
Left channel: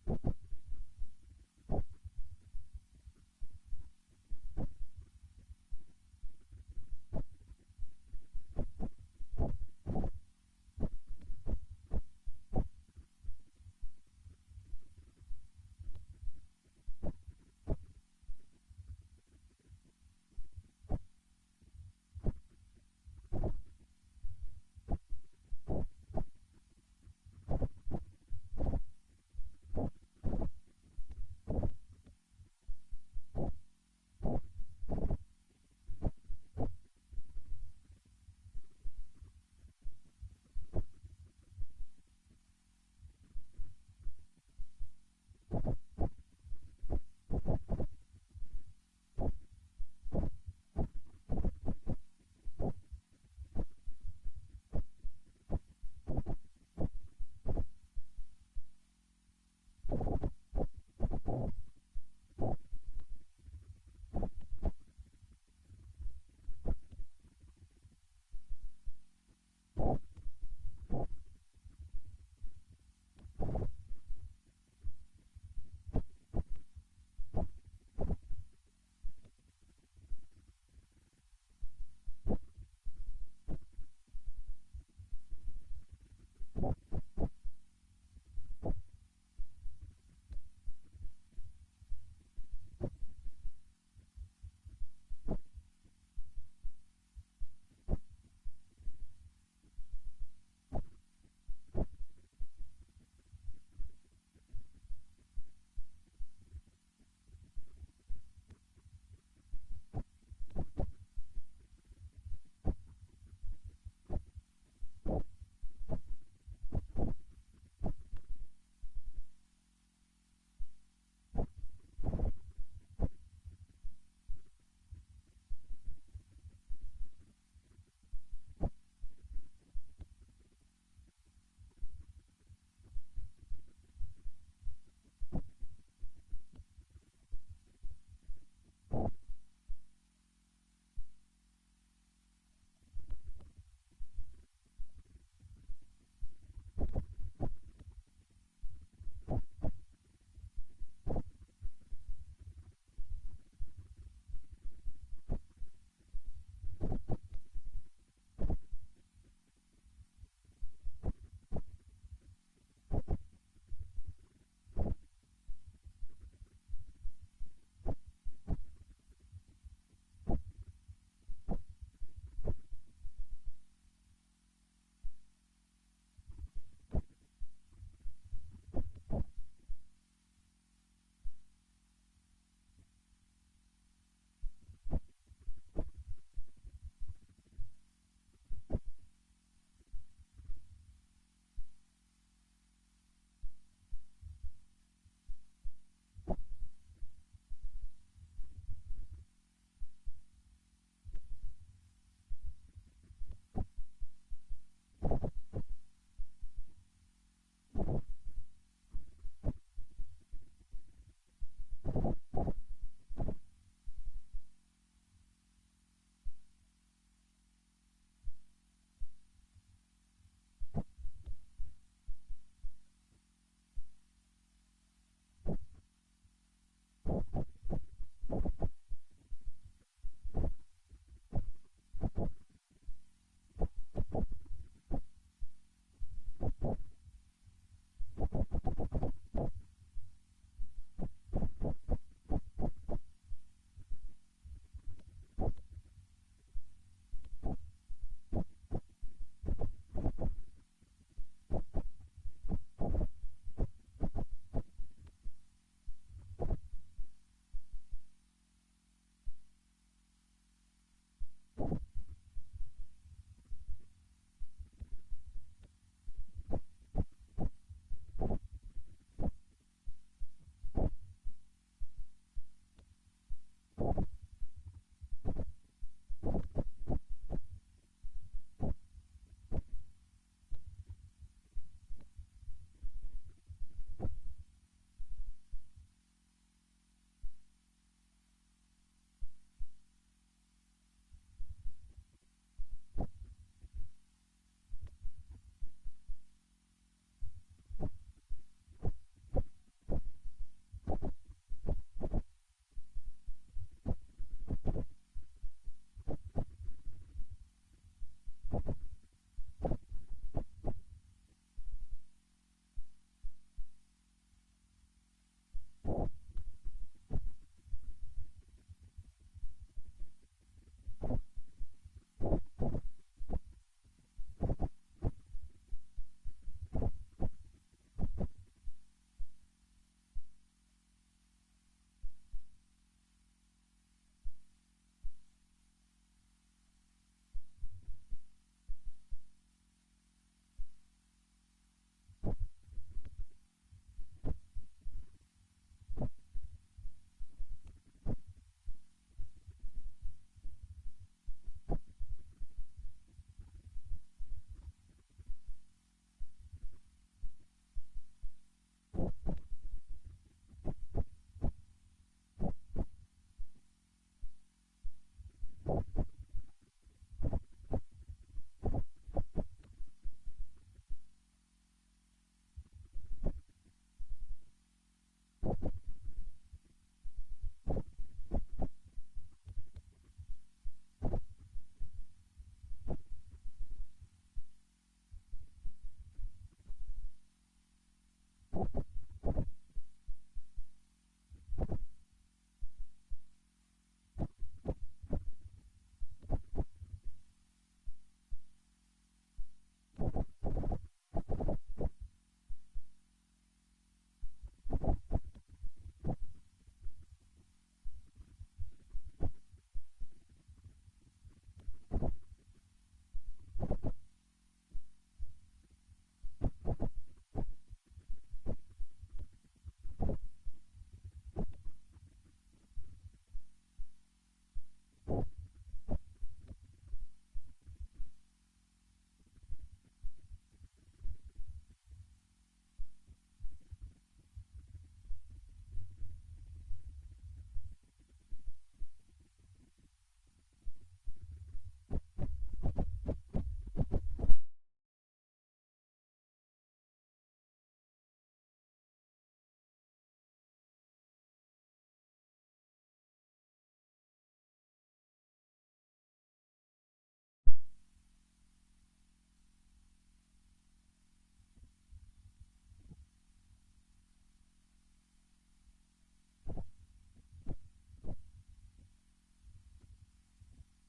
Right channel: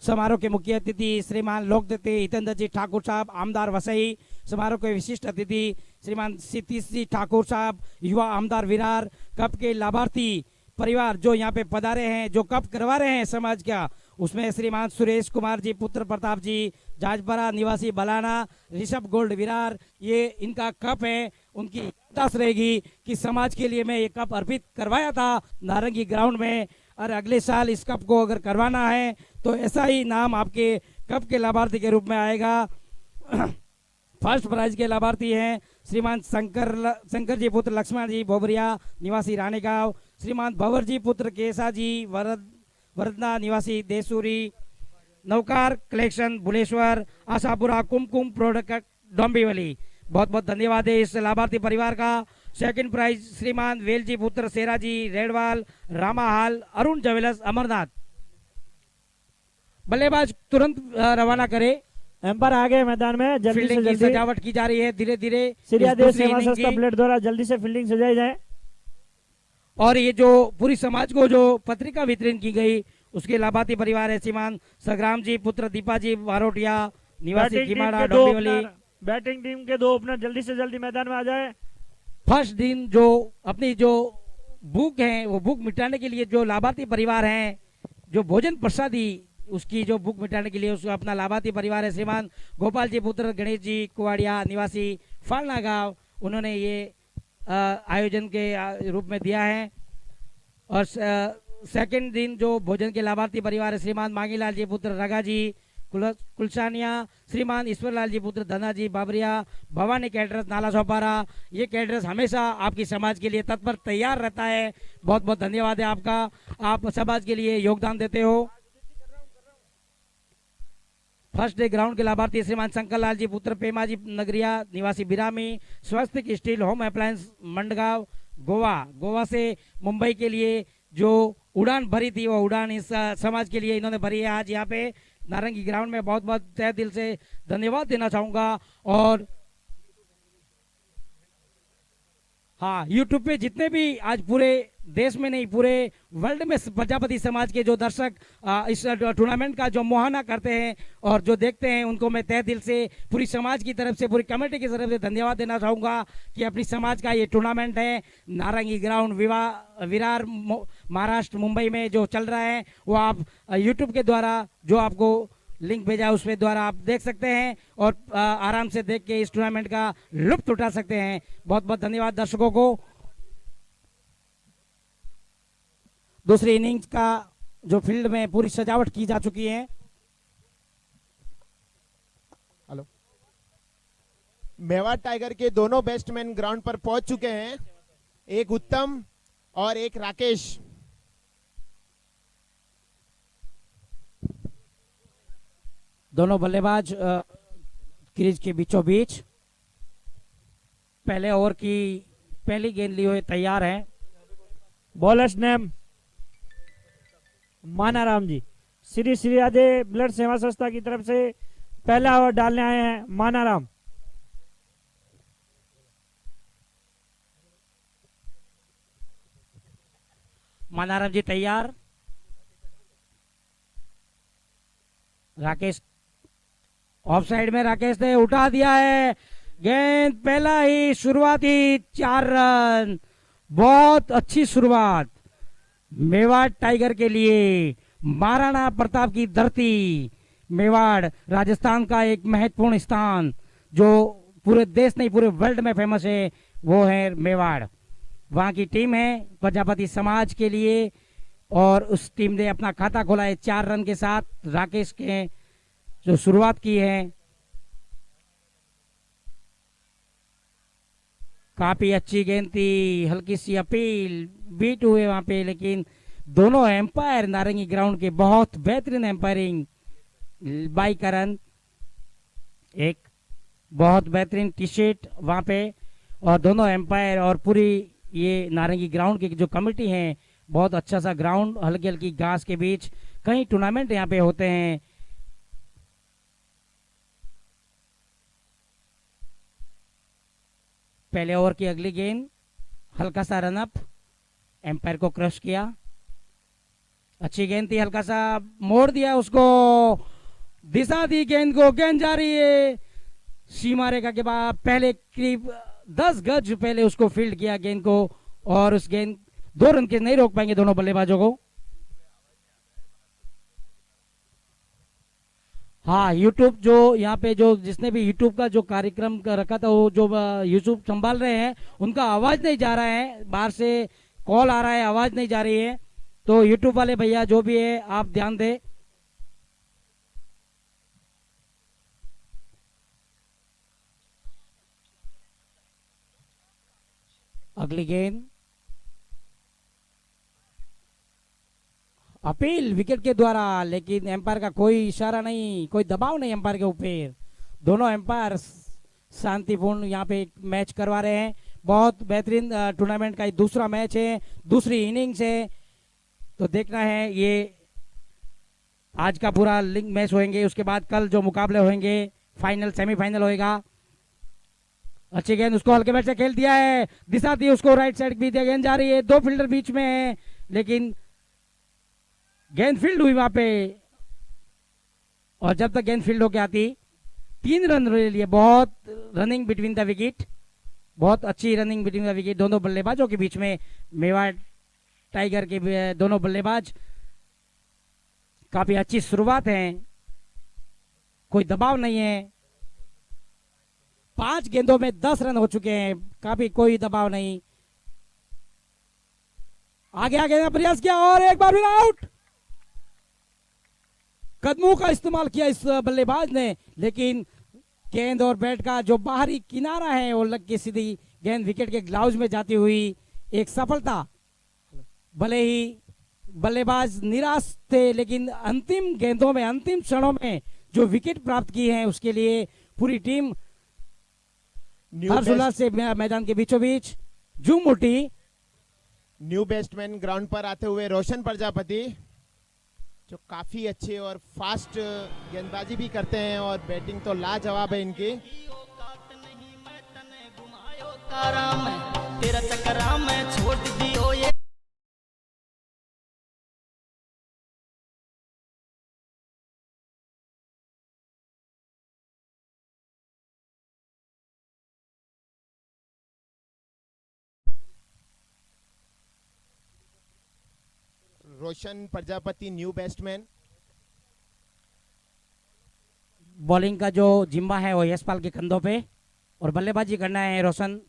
समारोह के मुख्य अतिथि श्रीमान लोकदत्ते हितेंद्र जी ठाकुर साहब आमदार वसई, समारोह के विशिष्ट अतिथि श्रीमान सतीश जी ठाकुर साहब युवा आमदार विरार, कप के लाभार्थी परिवार जो यहाँ पे पधारे हैं, जो कप करवा रहे हैं समाज का, उसमें श्रीमान सुरेश कुमार जी पुत्र प्रताप जी जाजपरा निवासी बलाना, ऋषभ गोल्ड विरार, ये इनका कप है। उनकी याददाश्त रहेगी कि समाज के लिए मैं ये कप अर्पित करवाया था नारंगी ग्राउंड में, और अगले साल इस कप को अगर करवाना है तो ऐसा ही नाम आपके कप के लाभार्थी के रूप में आएगा। फर्स्ट प्राइज के लाभार्थी हैं श्रीमान शंकर जी पुत्र लक्ष्मण जी बोबरिया निवासी रानीगांव, श्रीमान भंवर जी पुत्र केसा जी वरदना निवासी देसूरी, नौकार कलेक्शन भुलेश्वर, आशापुरा कुमकुम प्रोडक्ट डोंबिवली। बहुत बहुत धन्यवाद है इस लाभार्थी परिवार का। सेकंड प्राइज श्रीमान वेलजी पुत्र सेरा जी रेडवाल रामाहाल अरुण ज्वेलर्स अमरनाथ। बल्लेबाज तुरंत रवाना करे। एम्पायर आगे मैदान में जल्दी से फील्डिंग की जल्दी सजावट की जा रही है धीरे धीरे। सीरियादेव सेवा संस्था प्लेट द्वारा जल्दी से फील्डिंग सजाई जाए। और ये जो पूरी समाज को जो पत्रिका वितरण की गई उसके लाभार्थी परिवार है श्रीमान संग्राम जी पुत्र दीपा जी वारोटिया निवासी किमाड़ा डोंबिवली। बैटिंग टीम के दो ओपनर जल्दी से जल्दी मैदान में आ जाए। फर्स्ट दिन जो अपनी जो भूख है वो भूख मिटाने के लिए जो लाभार्थी परिवार हैं, जो भोजन प्रसादी उसकी जो भूख मिटाने के लिए उसका अपना लाभार्थी परिवार है श्रीमान गोपाल जी पुत्र गणेश जी कुवाड़िया निवासी फालना गांव, उन्होंने ये आयोजन के रूप में दिया है। और सेकंड दिन जो भोजन के लाभार्थी परिवार है श्रीमान मांगीलाल जी पुत्र रगा जी कुलसानिया, श्रीमान ईश्वरलाल जी पुत्र धना जी बाबरिया, भवानी कैटरस नाला सोपारा। ये कैटरस हमेशा आपकी समाज के लिए तत्पर तैयार रहता है। बहुत बहुत धन्यवाद है आपका, आप समाज के लिए योगदान देते हो। फर्स्ट डे ग्राउंड के लाभार्थी श्रीमान शंकर लाल जी पुत्र पेमा जी नगरिया निवासी बिरामी, स्वस्तिक steel home appliance Madgaon Goa से मुंबई के लिए जो उड़ान भरी थी वो उड़ान इस समाज के लिए इन्होंने भरी है आज यहाँ पे नारंगी ग्राउंड में। बहुत बहुत तहे दिल से धन्यवाद देना चाहूंगा। और हाँ, यूट्यूब पे जितने भी आज पूरे देश में नहीं पूरे वर्ल्ड में प्रजापति समाज के जो दर्शक इस टूर्नामेंट का जो मुहाना करते हैं और जो देखते हैं उनको मैं तहे दिल से पूरी समाज की तरफ से पूरी कमेटी की तरफ से धन्यवाद देना चाहूँगा कि अपनी समाज का ये टूर्नामेंट है नारंगी ग्राउंड विरार महाराष्ट्र मुंबई में जो चल रहा है वो आप यूट्यूब के द्वारा जो आपको लिंक भेजा उसके द्वारा आप देख सकते हैं और आराम से देख के इस टूर्नामेंट का लुत्फ उठा सकते हैं। बहुत बहुत धन्यवाद दर्शकों को। दूसरी इनिंग्स का जो फील्ड में पूरी सजावट की जा चुकी है। हेलो, मेवाड़ टाइगर के दोनों बैट्समैन ग्राउंड पर पहुंच चुके हैं, एक उत्तम और एक राकेश। दोनों बल्लेबाज क्रीज के बीचों बीच पहले ओवर की पहली गेंद लिए हुए तैयार हैं। बॉलर्स नेम मानाराम जी, श्री श्री आदे ब्लड सेवा संस्था की तरफ से पहला ओवर डालने आए हैं मानाराम। मानाराम जी तैयार। राकेश ऑफ साइड में, राकेश ने उठा दिया है गेंद, पहला ही शुरुआती 4 रन। बहुत अच्छी शुरुआत मेवाड़ टाइगर के लिए। महाराणा प्रताप की धरती मेवाड़ राजस्थान का एक महत्वपूर्ण स्थान जो पूरे देश नहीं पूरे वर्ल्ड में फेमस है वो है मेवाड़। वहां की टीम है प्रजापति समाज के लिए और उस टीम ने अपना खाता खोला है 4 रन के साथ। राकेश के जो शुरुआत की है काफी अच्छी गेंद थी, हल्की सी अपील बीट हुए वहां पे, लेकिन दोनों एम्पायर नारंगी ग्राउंड के बहुत बेहतरीन एम्पायरिंग बाई करण, एक बहुत बेहतरीन टी शर्ट वहां पे, और दोनों एम्पायर और पूरी ये नारंगी ग्राउंड की जो कमेटी है बहुत अच्छा सा ग्राउंड, हल्की हल्की घास के बीच कई टूर्नामेंट यहाँ पे होते हैं। पहले ओवर की अगली गेंद हल्का सा रनअप, एम्पायर को क्रश किया। अच्छी गेंद थी, हल्का सा मोड़ दिया उसको, दिशा दी गेंद को, गेंद जा रही है सीमा रेखा के बाद, पहले करीब 10 गज पहले उसको फील्ड किया गेंद को, और उस गेंद 2 रन के नहीं रोक पाएंगे दोनों बल्लेबाजों को। हाँ, यूट्यूब जो यहाँ पे जो जिसने भी यूट्यूब का जो कार्यक्रम रखा था, वो जो यूट्यूब संभाल रहे हैं उनका आवाज नहीं जा रहा है, बाहर से कॉल आ रहा है, आवाज नहीं जा रही है, तो यूट्यूब वाले भैया जो भी है आप ध्यान दें। अगली गेंद, अपील विकेट के द्वारा, लेकिन एम्पायर का कोई इशारा नहीं, कोई दबाव नहीं एम्पायर के ऊपर। दोनों एम्पायर शांतिपूर्ण यहाँ पे मैच करवा रहे हैं। बहुत बेहतरीन टूर्नामेंट का दूसरा मैच है, दूसरी इनिंग्स है, तो देखना है ये आज का पूरा लिंक मैच होंगे, उसके बाद कल जो मुकाबले होंगे फाइनल सेमीफाइनल होएगा। अच्छी गेंद, उसको हल्के बैट से खेल दिया है, दिशा दी उसको, राइट साइड भी दिया, गेंद जा रही है, 2 फील्डर बीच में है, लेकिन गेंद फील्ड हुई वहां पे, और जब तक गेंद फील्ड होके आती 3 रन ले लिए। बहुत रनिंग बिटवीन द विकेट, बहुत अच्छी रनिंग बिटवीन द विकेट दोनों बल्लेबाजों के बीच में। मेवाड़ टाइगर के दोनों बल्लेबाज काफी अच्छी शुरुआत है, कोई दबाव नहीं है, 5 गेंदों में 10 रन हो चुके हैं, काफी कोई दबाव नहीं। आगे आगे का प्रयास किया और एक बार फिर आउट। कदमों का इस्तेमाल किया इस बल्लेबाज ने, लेकिन गेंद और बैट का जो बाहरी किनारा है वो लग के सीधी गेंद विकेट के ग्लाउज में जाती हुई एक सफलता। भले ही बल्लेबाज निराश थे, लेकिन अंतिम गेंदों में, अंतिम क्षणों में जो विकेट प्राप्त की है उसके लिए पूरी टीम हर्षोल्लास से मैदान के बीचों बीच झूम उठी। न्यू बैट्समैन ग्राउंड पर आते हुए रोशन प्रजापति, जो काफी अच्छे और फास्ट गेंदबाजी भी करते हैं, और बैटिंग तो लाजवाब है इनकी। तेरा चक्करा में छोड़ दियो ये। रोशन प्रजापति न्यू बैट्समैन। बॉलिंग का जो जिम्मा है वो यशपाल के कंधों पे, और बल्लेबाजी करना है रोशन।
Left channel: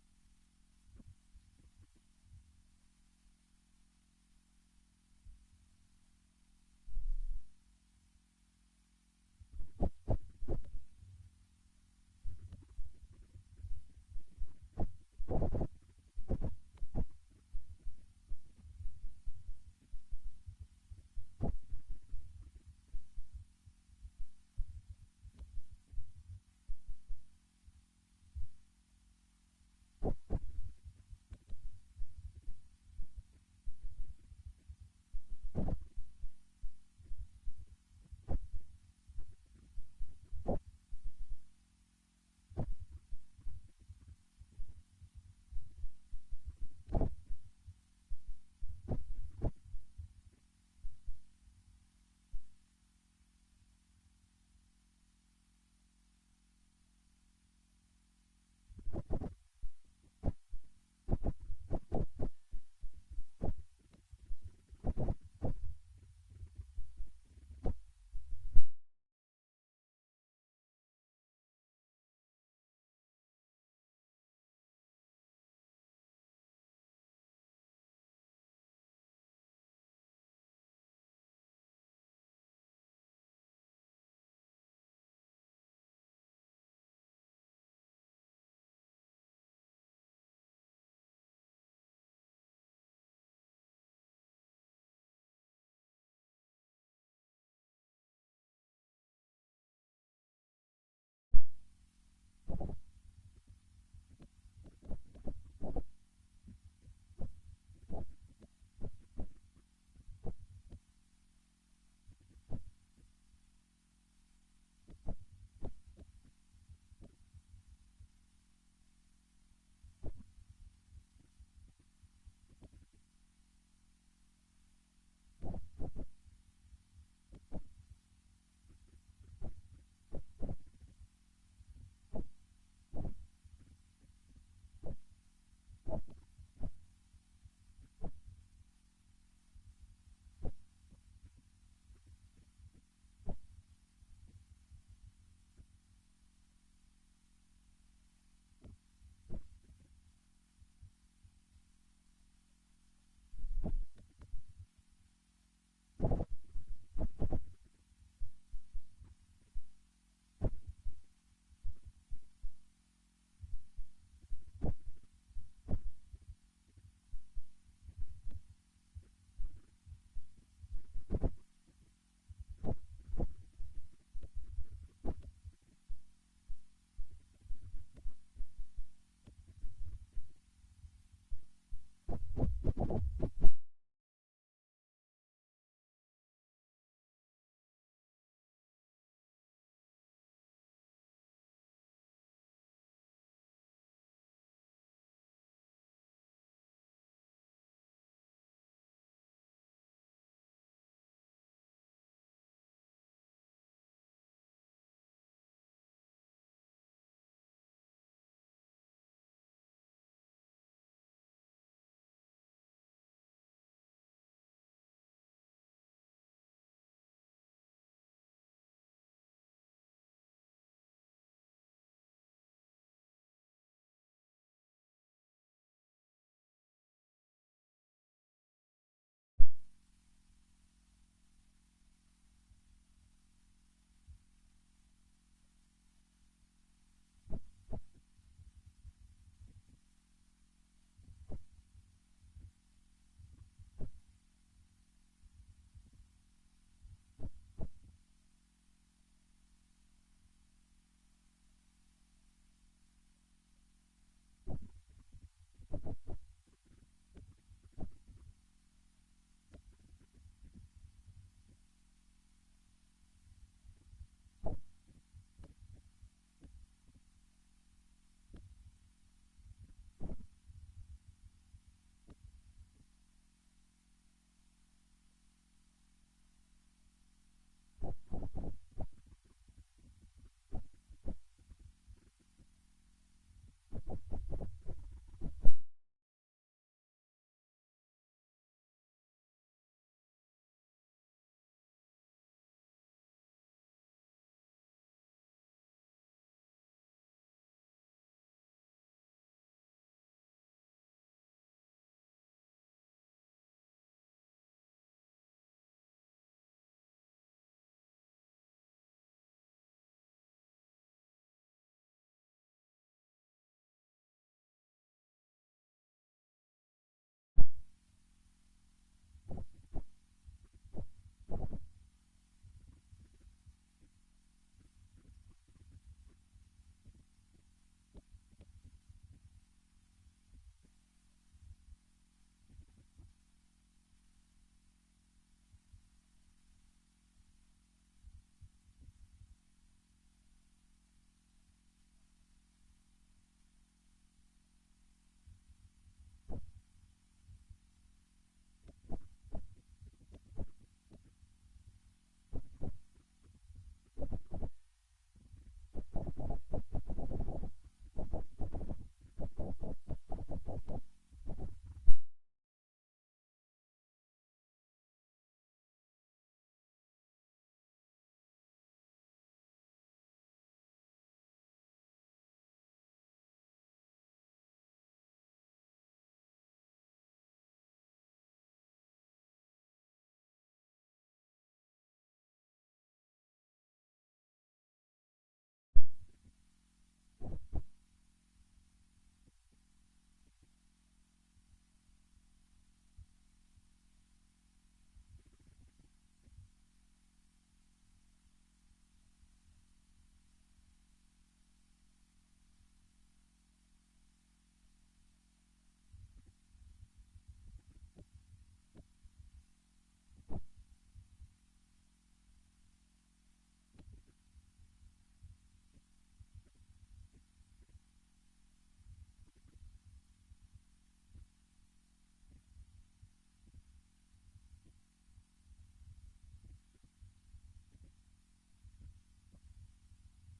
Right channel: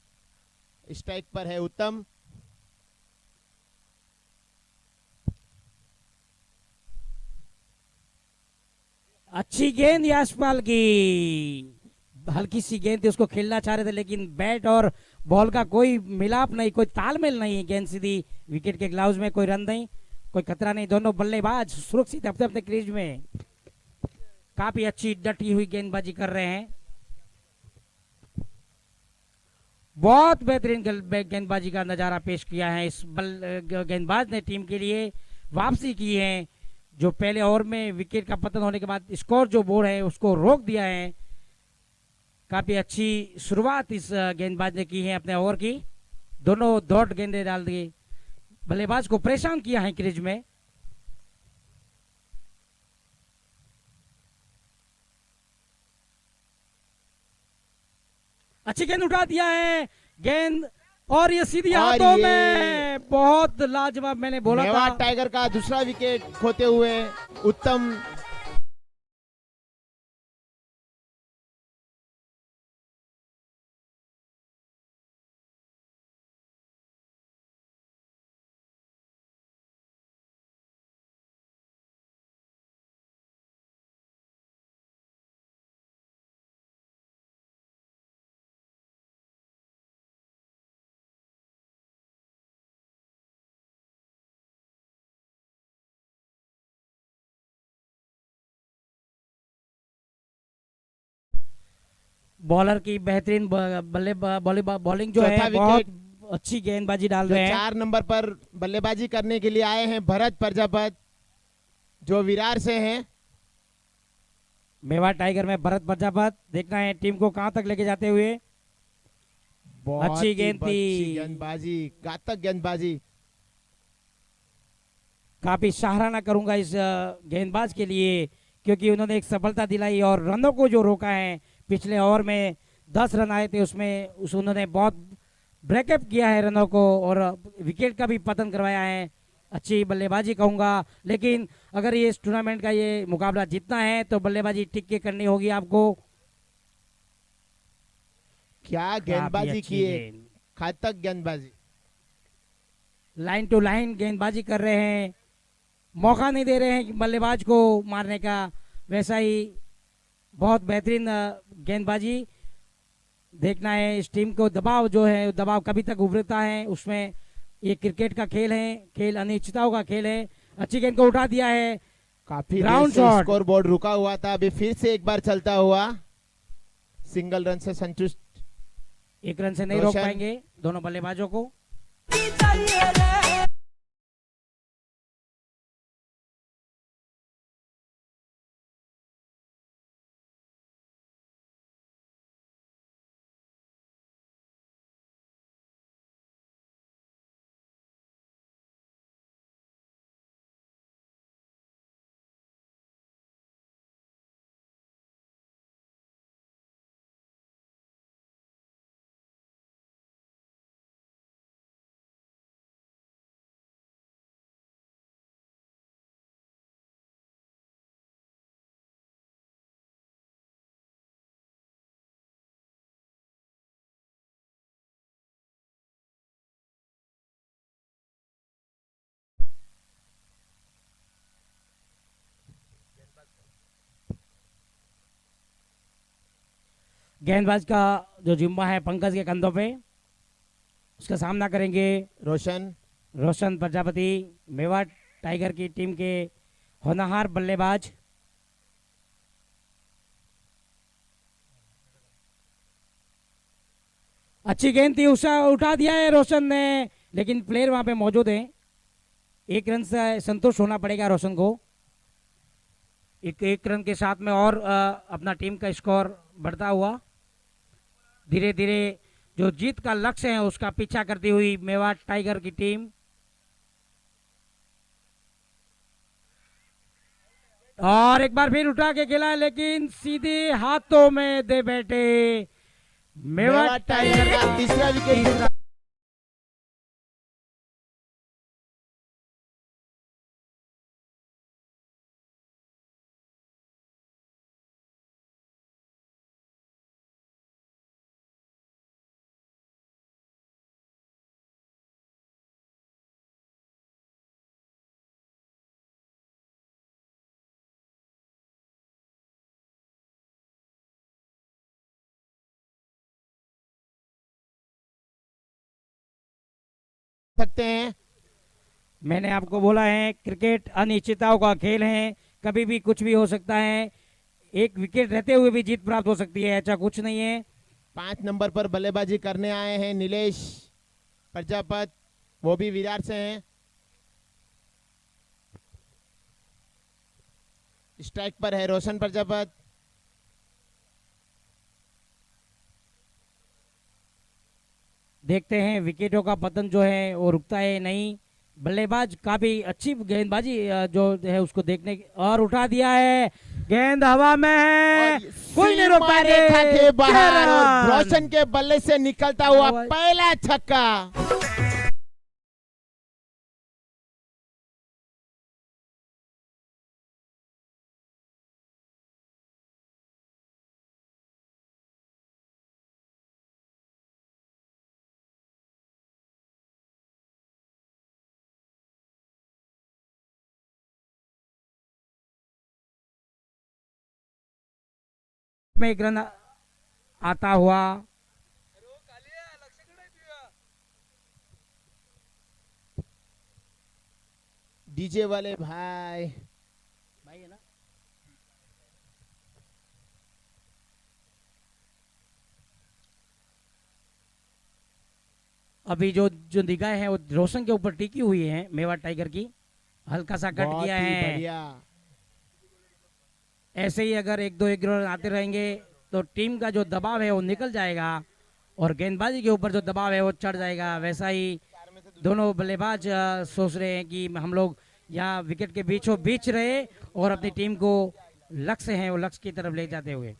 स्ट्राइक पर है उत्तम। अच्छी गेंद यशपाल की, हल्की सी गेंद थी, उसको खेलना चाह रहे थे, लेकिन बैट और बॉल का कोई मिलाप नहीं, कोई तालमेल नहीं, गेंद सीधी विकेट के ग्लाउज में, कोई रन नहीं, कोई खतरा नहीं। दोनों बल्लेबाज सुरक्षित अपने अपने क्रीज में काफी अच्छी डटी हुई गेंदबाजी कर रहे हैं। बहुत बेहतरीन गेंदबाजी का नजारा पेश किया है इस गेंदबाज ने, टीम के लिए वापसी की है। जो पहले ओवर में विकेट का पतन होने के बाद स्कोर जो बोर्ड है उसको रोक दिया है। काफी अच्छी शुरुआत इस गेंदबाज ने की है अपने ओवर की, दोनों डॉट गेंदे डाल दी, बल्लेबाज को परेशान किया है क्रीज में। अच्छी गेंद उठा दिया है, गेंद और ये सीधी हाथों में, बहुत लाजवाब, मैंने बोला था। मेवाड़ टाइगर का दूसरा विकेट खोते हुए उत्तम। बॉलर की बेहतरीन बॉलिंग जो है, बहुत अच्छी गेंदबाजी डाल रहे हैं। 4 नंबर पर बल्लेबाजी करने के लिए आए हैं भरत प्रजापत, जो विरार से हैं। मेवाड़ टाइगर में भरत प्रजापत, देखना है टीम को कहां तक लेके जाते हुए। अच्छी गेंद थी, गेंदबाजी, घातक गेंदबाजी। काफी सराहना करूंगा इस गेंदबाज के लिए, क्योंकि उन्होंने एक सफलता दिलाई और रनों को जो रोका है। पिछले ओवर में 10 रन आए थे, उसमें उन्होंने बहुत ब्रेकअप किया है रनों को और विकेट का भी पतन करवाया है। अच्छी बल्लेबाजी कहूंगा, लेकिन अगर ये इस टूर्नामेंट का ये मुकाबला जीतना है तो बल्लेबाजी टिक के करनी होगी आपको। क्या काफी गेंदबाजी अच्छी की है, गेंद। घातक गेंदबाजी। लाइन टू लाइन गेंदबाजी कर रहे हैं, मौका नहीं दे रहे हैं कि बल्लेबाज को मारने का। वैसा ही बहुत बेहतरीन गेंदबाजी देखना है। इस टीम को दबाव जो है, दबाव कभी तक उभरता है, उसमें ये क्रिकेट का खेल है, खेल अनिश्चितताओं का खेल है। अच्छी गेंद को उठा दिया है, काफी Ground shot। स्कोर बोर्ड रुका हुआ था, अभी फिर से एक बार चलता हुआ, सिंगल रन से संतुष्ट। एक रन से नहीं रोक रोशन। पाएंगे दोनों बल्लेबाजों को। गेंदबाज का जो जिम्मा है पंकज के कंधों पे, उसका सामना करेंगे रोशन। रोशन प्रजापति, मेवाड़ टाइगर की टीम के होनहार बल्लेबाज। अच्छी गेंद थी, उठा दिया है रोशन ने, लेकिन प्लेयर वहां पे मौजूद है। एक रन से संतुष्ट होना पड़ेगा रोशन को। एक रन के साथ में और अपना टीम का स्कोर बढ़ता हुआ धीरे धीरे जो जीत का लक्ष्य है उसका पीछा करती हुई मेवाड़ टाइगर की टीम। और एक बार फिर उठा के खेला, लेकिन सीधे हाथों में दे बैठे मेवाड़ टाइगर का का तीसरा विकेट। तीसरा। सकते हैं। मैंने आपको बोला है क्रिकेट अनिश्चितताओं का खेल है, कभी भी कुछ भी हो सकता है। एक विकेट रहते हुए भी जीत प्राप्त हो सकती है, ऐसा कुछ नहीं है। 5 नंबर पर बल्लेबाजी करने आए हैं नीलेश प्रजापत, वो भी विरार से हैं। स्ट्राइक पर है रोशन प्रजापत। देखते हैं विकेटों का पतन जो है वो रुकता है नहीं। बल्लेबाज काफी अच्छी गेंदबाजी जो है उसको देखने और उठा दिया है, गेंद हवा में है, और कोई नहीं रोक सीमा रेखा के पाएंगे। बाहर और रन। रोशन के बल्ले से निकलता हुआ और- पहला छक्का। में एक रन आता हुआ। डीजे वाले भाई, अभी जो जो निगाह है वो रोशन के ऊपर टिकी हुई है मेवाड़ टाइगर की, हल्का सा कट बहुत किया ही है। बढ़िया। ऐसे ही अगर एक दो रन आते रहेंगे तो टीम का जो दबाव है वो निकल जाएगा और गेंदबाजी के ऊपर जो दबाव है वो चढ़ जाएगा। वैसा ही दोनों बल्लेबाज सोच रहे हैं कि हम लोग यहाँ विकेट के बीचों बीच रहे और अपनी टीम को लक्ष्य है वो लक्ष्य की तरफ ले जाते हुए।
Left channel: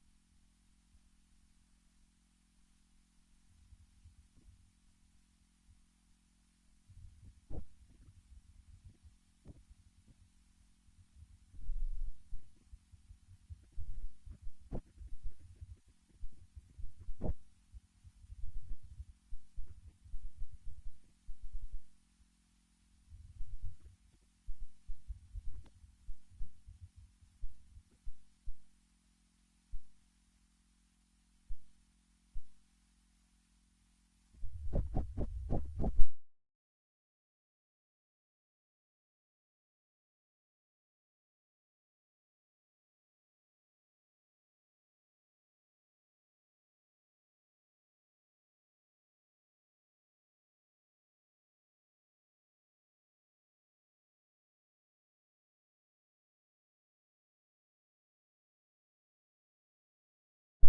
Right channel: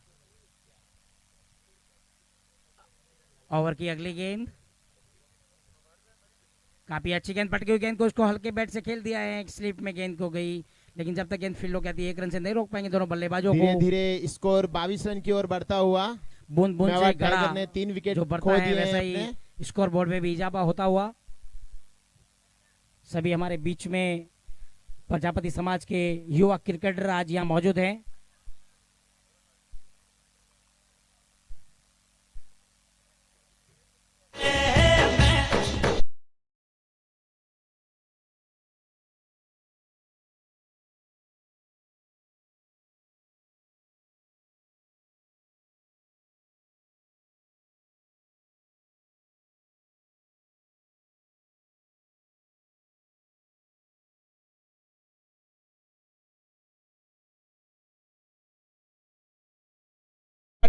ओवर की अगली गेंद, काफी अच्छी गेंद पटकी हुई गेंद को उसको हल्के बैट से खेल दिया है, स्लिप में गेंद को गई, लेकिन जब तक गेंद फील्ड हो जाती है 1 रन से नहीं रोक पाएंगे दोनों बल्लेबाजों को। धीरे धीरे स्कोर 22 रन की ओर बढ़ता हुआ। बूंद बूंद से मेवाड़ घड़ा टाइगर ने 3 विकेट जो खो बढ़ता है दिए वैसा हैं ही अपने। स्कोर बोर्ड में भी इजाफा होता हुआ। सभी हमारे बीच में प्रजापति समाज के युवा क्रिकेटर आज यहाँ मौजूद हैं।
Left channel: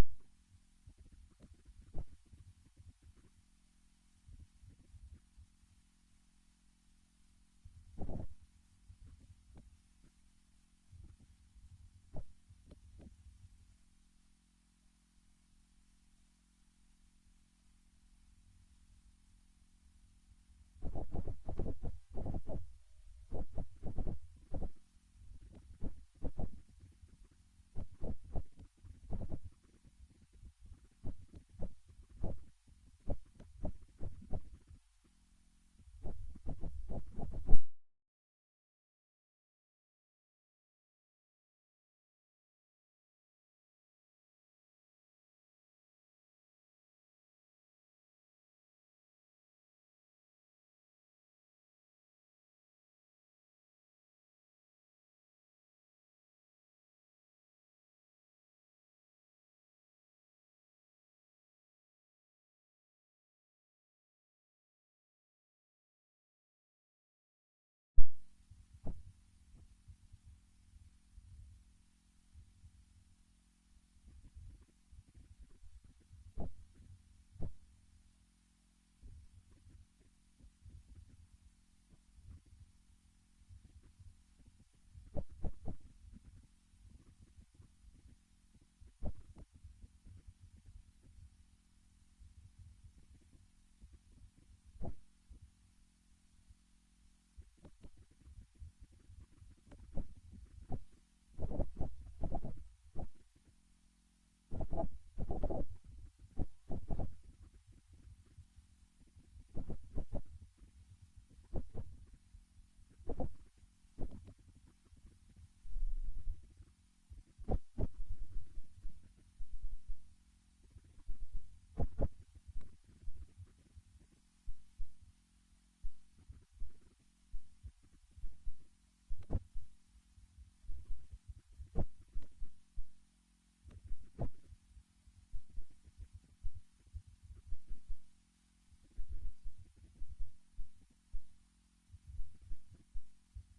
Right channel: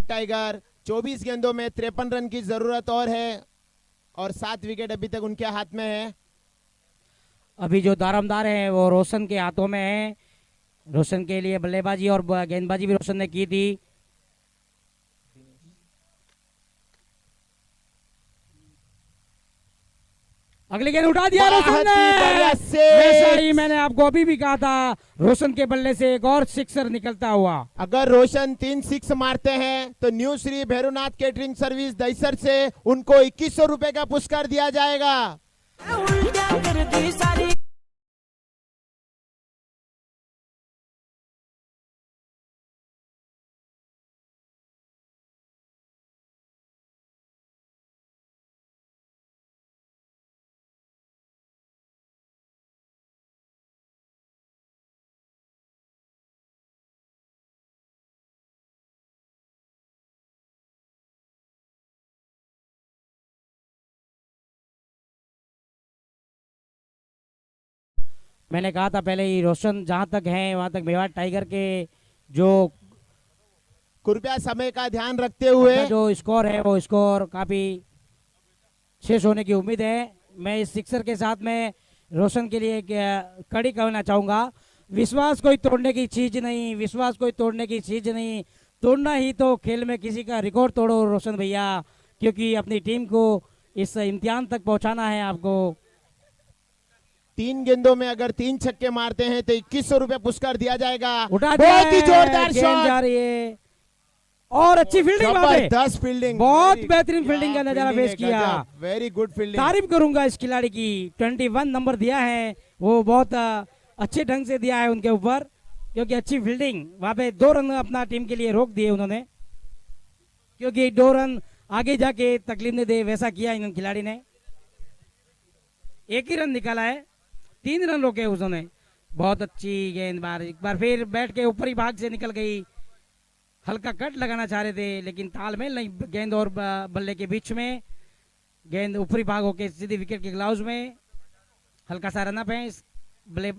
टाइगर 24 गेंदों में 53 रन की जरूरत और है और 7 विकेट अभी तक उनके हाथ में है। अभी जो दारोमदार है वो रोशन के हाथों में है। रोशन के लिए बल्लेबाजी और गेंदबाजी भी रोशन ने की थी। अगली गेंद उठा दिया रोशन बहुत ने। ही बढ़िया वैसा ही six। मैंने आपको अभी भी कहा था, रोशन के बल्ले से एक और सिक्सर निकलता हुआ। अगर रोशन 3 6 मारते हैं तो new Shri Bhairavnath catering service Dahisar से उनको 2100 रुपए का पुरस्कार दिया जाएगा। उल्टा कर दी सारी मैंने कहा था पहले ही, रोशन जहां तक है वहां तक मेवाड़ टाइगर के जो कृपया समय का ध्यान रखते हुए अपना जो स्कोर है वो स्कोर काफी शेष होने की उम्मीद है। मैं इस सिक्सर के साथ में रोशन के लिए एक कड़ी कहना चाहूंगा, विश्वास कोई तोड़ने की चीज नहीं, विश्वास कोई तोड़ने की चीज नहीं, तोड़ना ही तो खेल में किसी का रिकॉर्ड तोड़ो रोशन भैया, क्योंकि अपनी टीम को इस इम्तिहान तक पहुंचाना है आपको। 3 गेंदों में अगर 3 छक्के मारते हैं तो 2100 रुपए पुरस्कार दिया जाएगा। उठा दिया बहुत ही है, जोरदार गेंद जा शॉट, रही है और अच्छी फील्डिंग वहां पे। जबरदस्त फील्डिंग, बहुत बेहतरीन फील्डिंग का नजारा पेश किया। Very good fielding. तारीफ करूंगा इस खिलाड़ी की, 21 नंबर दिया है वो बहुत अच्छे ढंग से दिया है उनके ऊपर, क्योंकि अच्छी फील्डिंग वहां पे 2 रन अपना टीम के लिए रोक दिए उन्होंने, क्योंकि 2 रन आगे जाके तकलीफ नहीं दे वैसा किया इन खिलाड़ी ने। 1 ही रन निकाला है, 3 रन रोके उन्होंने। बहुत अच्छी गेंदबाज, एक बार फिर बैट के ऊपरी भाग से निकल गई। हल्का कट लगाना चाह रहे थे लेकिन तालमेल नहीं गेंद और बल्ले के बीच में, गेंद ऊपरी भाग होके सीधी विकेट के ग्लाउज में। हल्का सा रनअप है, बल्ले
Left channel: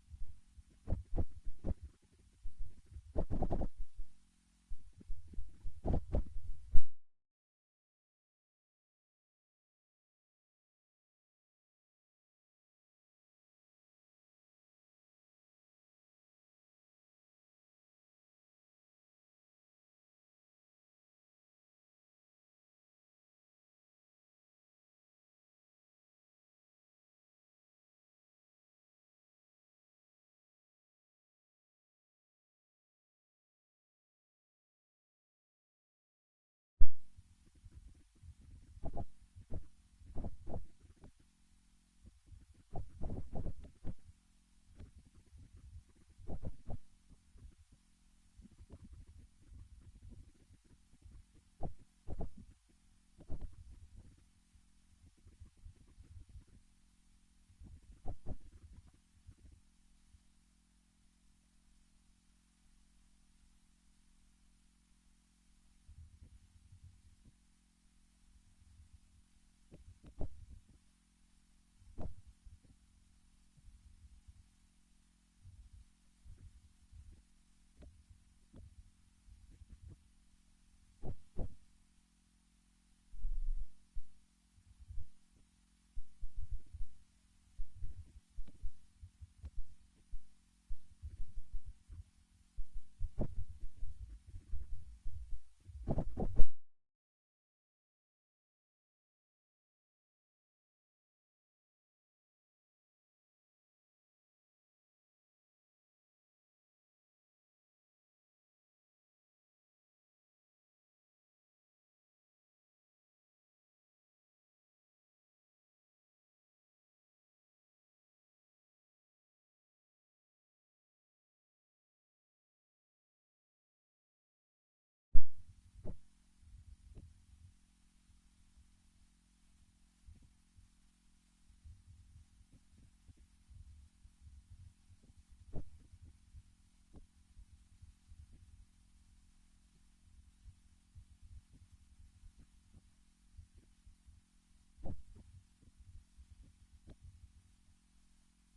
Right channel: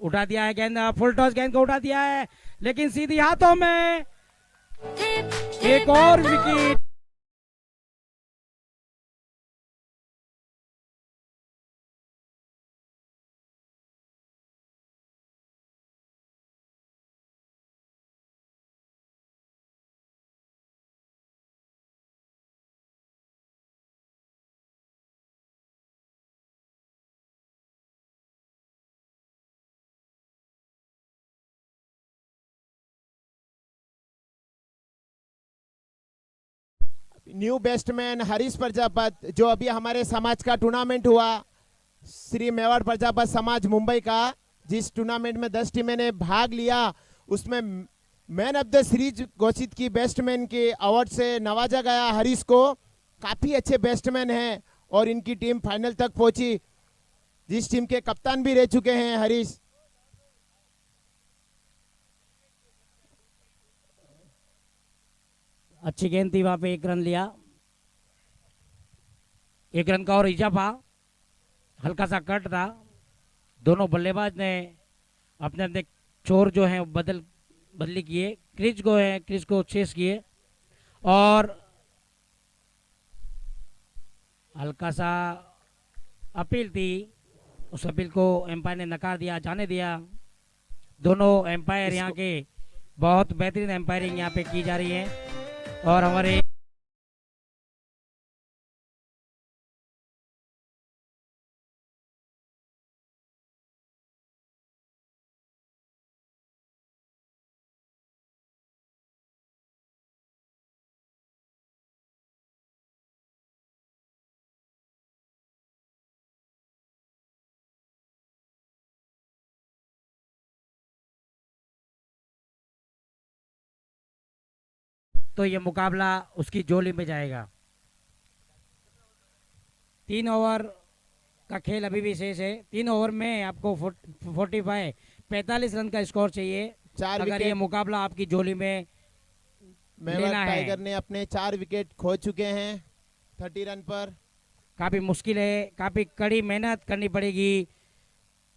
उठा दिया है गेंद, फुल टॉस गेंद को उठा दिया है लेकिन सीधी हाथों में, एक और wicket. New batsman Harish Prajapat, जो अभी हमारे समाज का टूर्नामेंट हुआ, श्री मेवाड़ प्रजापत समाज मुंबई का, जिस टूर्नामेंट में 10 टीमें ने भाग लिया, उसमें मैन ऑफ द सीरीज घोषित की बेस्टमैन के अवार्ड से नवाजा गया हरीश को। काफी अच्छे बेस्टमैन हैं और इनकी टीम फाइनल तक पहुंची, जिस टीम के कप्तान भी रह चुके हैं हरीश। अच्छी गेंद थी वहां पे, 1 रन लिया, 1 रन का और इजाफा। हल्का सा कट था, दोनों बल्लेबाज ने अपने अपने चोर जो हैं बदली किए, क्रीज को चेस किए और हल्का सा अपील थी उस अपील को एम्पायर ने नकार दिया, जाने दिया। दोनों एम्पायर यहाँ के बहुत बेहतरीन एम्पायरिंग यहाँ पे की जा रही है और हमारे तो ये मुकाबला उसकी जोली में जाएगा। 3 ओवर का खेल अभी भी शेष है। 3 ओवर में आपको 45 रन का स्कोर चाहिए। 4 अगर ये विकेट मुकाबला आपकी जोली में मेवाड़ लेना है। टाइगर ने अपने 4 विकेट खो चुके हैं 30 रन पर। काफ़ी मुश्किल है, काफ़ी कड़ी मेहनत करनी पड़ेगी,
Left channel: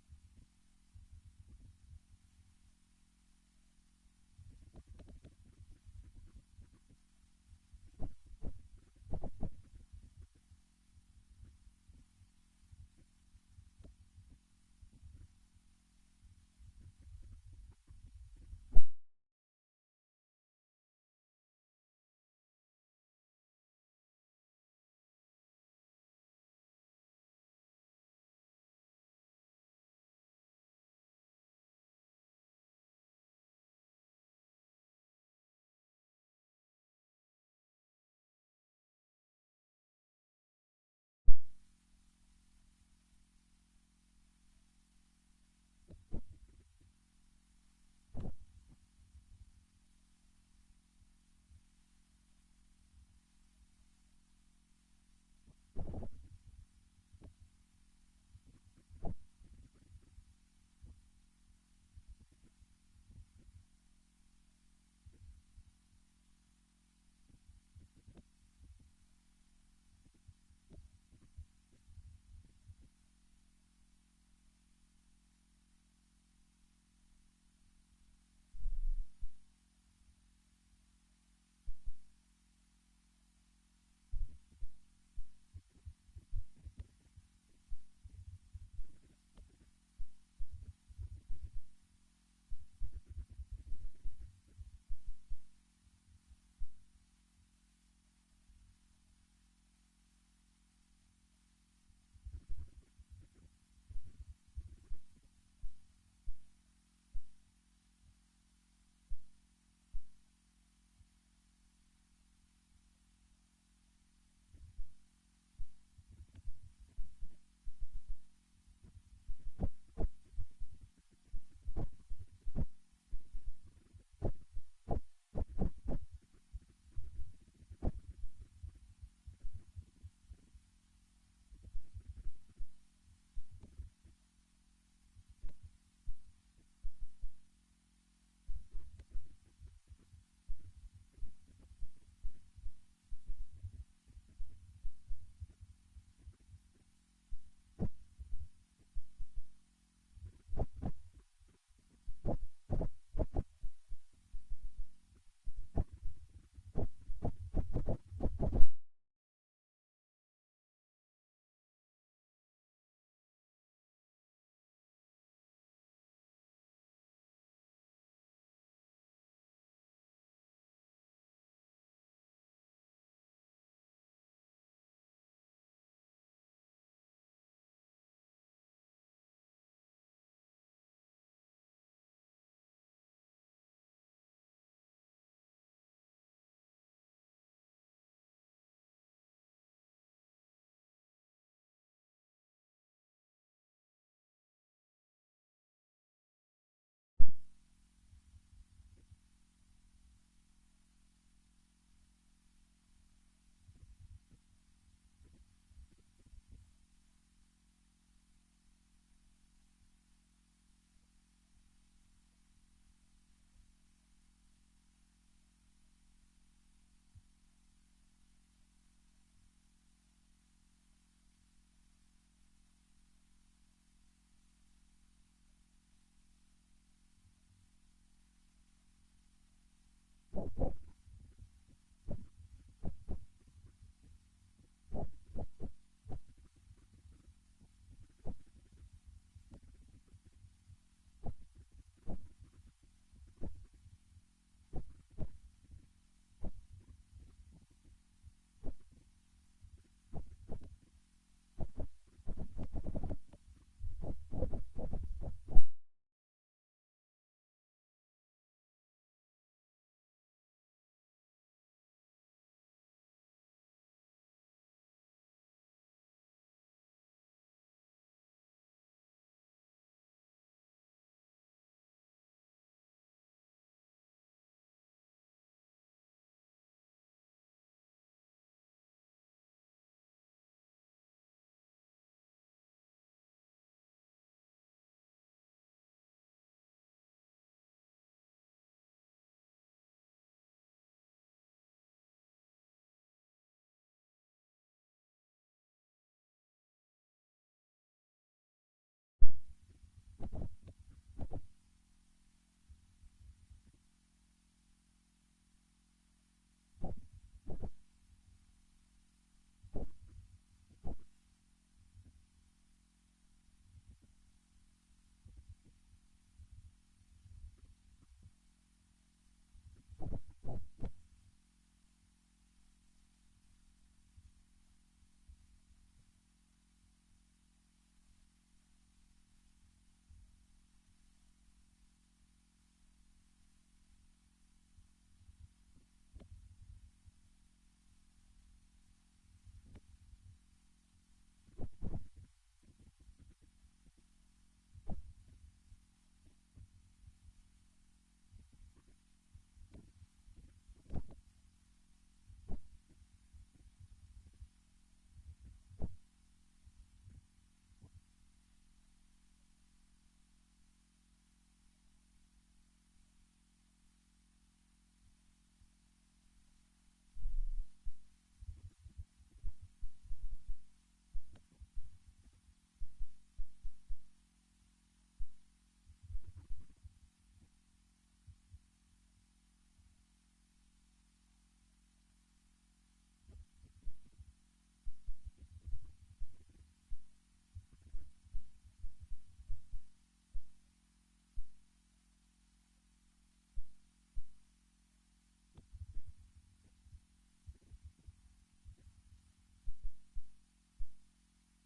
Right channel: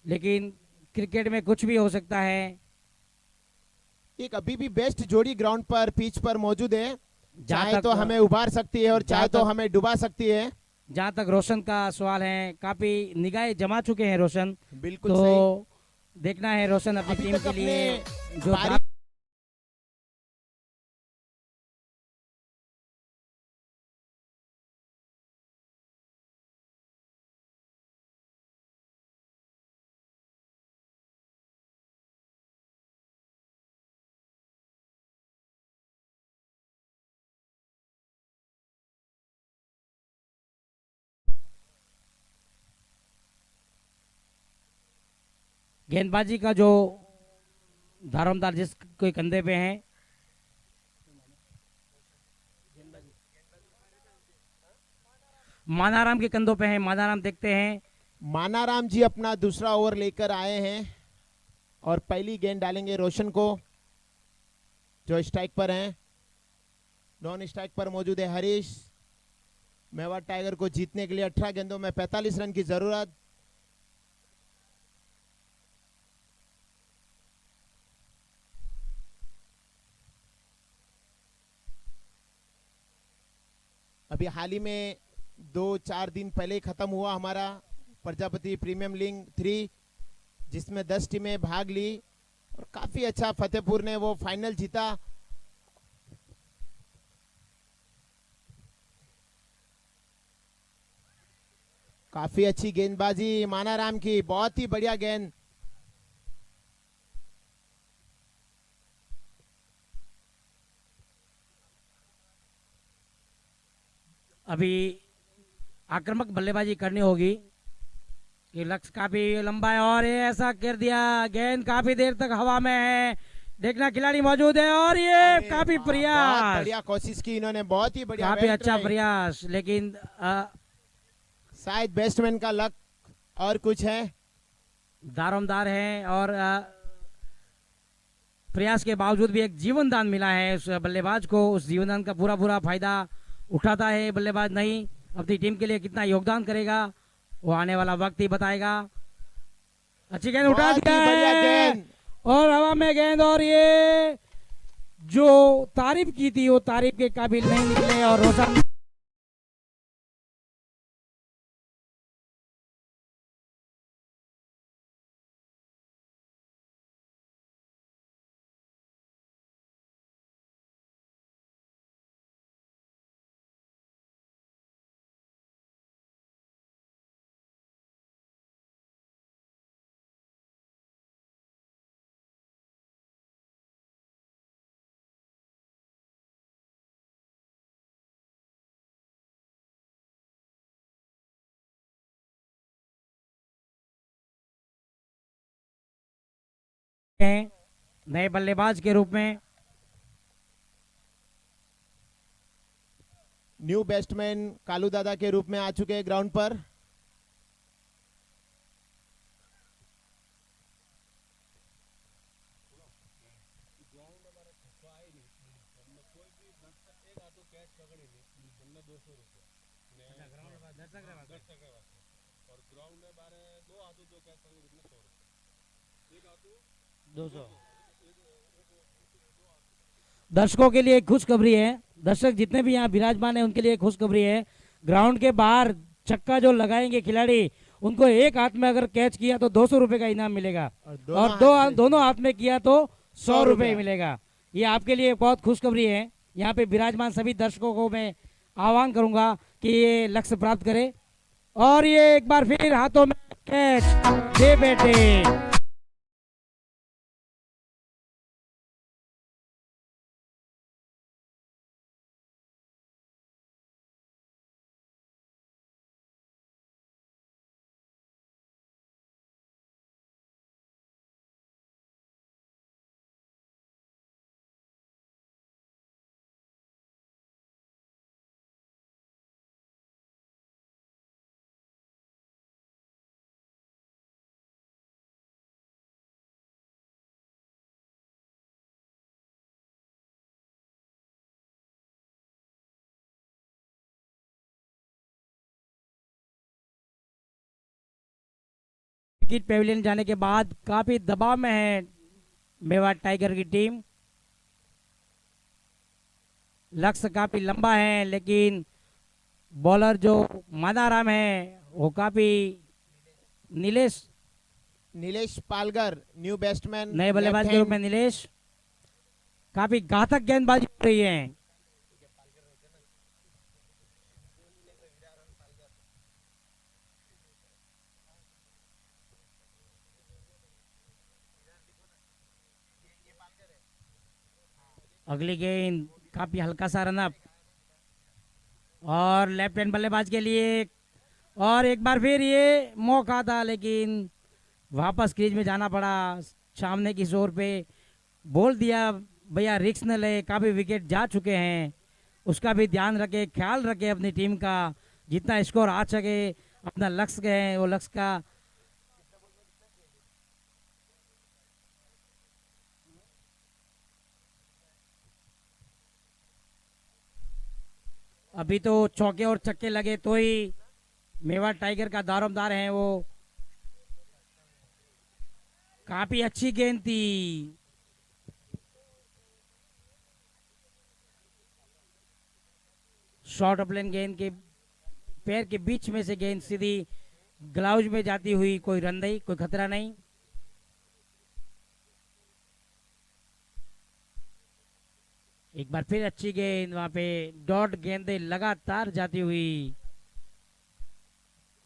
लेकिन क्रिकेट में कुछ भी हो सकता है। एक अभी भी बेस्ट जोड़ी ग्राउंड पर पिच पर मौजूद है, चाहे तक तो हमें उबार सकती है और जहाँ चाहे तो तक- हमें डुबा सकती है। जहाँ तक रोशन का सवाल है, काफ़ी निगाहें जमा चुके हैं रोशन, बिल्कुल तो सही। देखना है रोशन अपनी अभी टीम तक के लिए अपने जो पारी- गेंदबाजी का जो धारमदार जिसके कंधे पे है, मानाराम के कंधों पे है। मानाराम देखते हैं, मानाराम जी अपना दूसरा ओवर लेकर आए हैं और पहली गेंद डालेंगे रोशन को, जो स्ट्राइक पर हैं। नॉन स्ट्राइक पर मौजूद है हरीश। मेवाड़ टाइगर को जीतने के लिए 18 गेंदों में 45 रन की जरूरत। अभी हाल ही में 2-4 दिन पहले खत्म हुआ हमारा प्रजापति प्रीमियम लीग 3, जिसमें 10 टीमें भाग ली और काफी अच्छा फतेहपुर ने वो फाइनल जीता। काफी अच्छी गेंदबाजी मानाराम की, बहुत ही बढ़िया गेंद। अभी आक्रामक बल्लेबाजी करनी होगी। ये लक्ष्य काफी लंबा है और ये ऐसा कर दिया, गेंद काफी देर तक हवा में है। देखना खिलाड़ी मौजूद है और ये अरे काफी वाह, बहुत प्रयास, बढ़िया कोशिश की इन्होंने, बहुत ही बढ़िया, काफी well अच्छा tried। प्रयास, लेकिन शायद बैट्समैन का लक और कुछ है। दारोमदार है और प्रयास के बावजूद भी एक जीवन दान मिला है उस बल्लेबाज को। उस जीवन दान का पूरा पूरा फायदा उठाता है बल्लेबाज नहीं। अपनी टीम के लिए कितना योगदान करेगा वो आने वाला वक्त ही बताएगा। अच्छी गेंद उठा बहुत ही दिया बढ़िया है गेंद। और हवा में गेंद, और ये जो तारीफ की थी वो तारीफ के काबिल नहीं निकले और रोशन हैं नए बल्लेबाज के रूप में। न्यू बैट्समैन कालू दादा के रूप में आ चुके हैं ग्राउंड पर। दर्शकों के लिए एक खुशखबरी है, दर्शक जितने भी यहाँ विराजमान है उनके लिए एक खुशखबरी है। ग्राउंड के बाहर छक्का जो लगाएंगे खिलाड़ी उनको एक हाथ में अगर कैच किया तो 200 रुपए का इनाम मिलेगा, और दोनों हाथ में किया तो 100 रुपए मिलेगा। ये आपके लिए बहुत खुशखबरी है। यहाँ पे विराजमान सभी दर्शकों को मैं आह्वान करूंगा कि ये लक्ष्य प्राप्त करे, और ये एक बार फिर हाथों में कैच दे बेटे। क्रिकेट पेविलियन जाने के बाद काफी दबाव में है मेवाड़ टाइगर की टीम। लक्ष्य काफी लंबा है, लेकिन बॉलर जो मानाराम है वो काफी नीलेश पालगर न्यू बैट्समैन नए बल्लेबाज के रूप में नीलेश, काफी घातक गेंदबाजी हो रही है। अगली गेंद काफी हल्का सा रनअप, और लेफ्ट हैंड बल्लेबाज के लिए, और एक बार फिर ये मौका था, लेकिन वापस क्रीज में जाना पड़ा। सामने की जोर पे बोल दिया भैया रिस्क न ले, काफी विकेट जा चुके हैं, उसका भी ध्यान रखे, ख्याल रखे अपनी टीम का, जितना स्कोर आ सके अपना लक्ष्य है वो लक्ष्य का। अभी तो चौके और चक्के लगे तो ही मेवाड़ टाइगर का दारोमदार है वो। काफी अच्छी गेंद थी, शॉर्ट ऑफलाइन गेंद के पैर के बीच में से गेंद सीधी ग्लाउज में जाती हुई, कोई रन नहीं, कोई खतरा नहीं। एक बार फिर अच्छी गेंद, वहां पे डॉट गेंदें लगातार जाती हुई।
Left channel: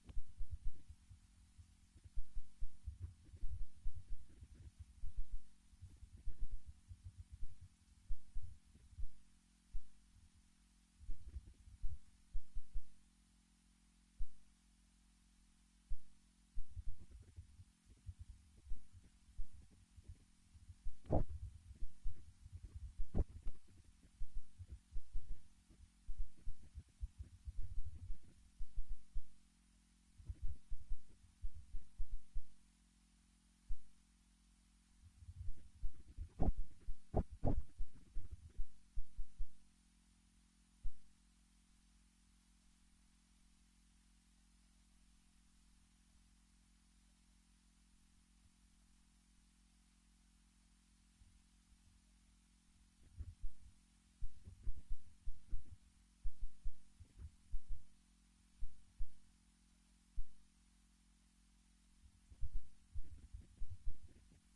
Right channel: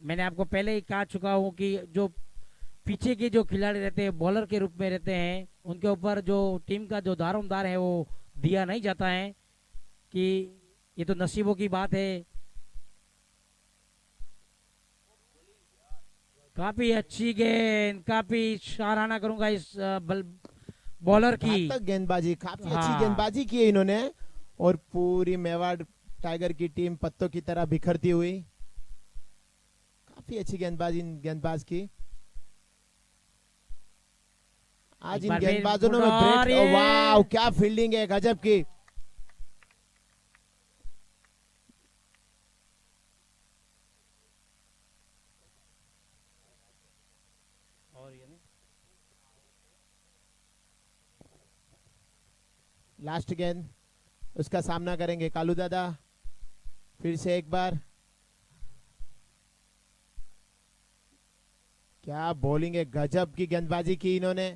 मैंने आपको पहले ही कहा चुका हूं कि जो पीछे के जो खिलाड़ी रहते हैं बॉलर के रूप में रहते हैं, उनके ऊपर जो टीम का जो दारोमदार है वो दिया नहीं जाता है, कि ये तो नसीबों की बात है। काफी अच्छी गेंद, काफी सराहना करूंगा इस बॉलर की। गेंदबाजी काफी अच्छी हाँ। गेंदबाजी की है इन्होंने, और पूरी मेवाड़ टाइगर की टीम पत्तों की तरह बिखरती हुई। काफी अच्छी गेंदबाजी गेंदबाज की। आज इन गेंदबाजों ने वाह क्या फील्डिंग है, गजब की। लास्ट गेंद, उसका सामना करेंगे कालू दादा। फिर से एक बार, क्या बॉलिंग है, गजब की गेंदबाजी की इन्होंने।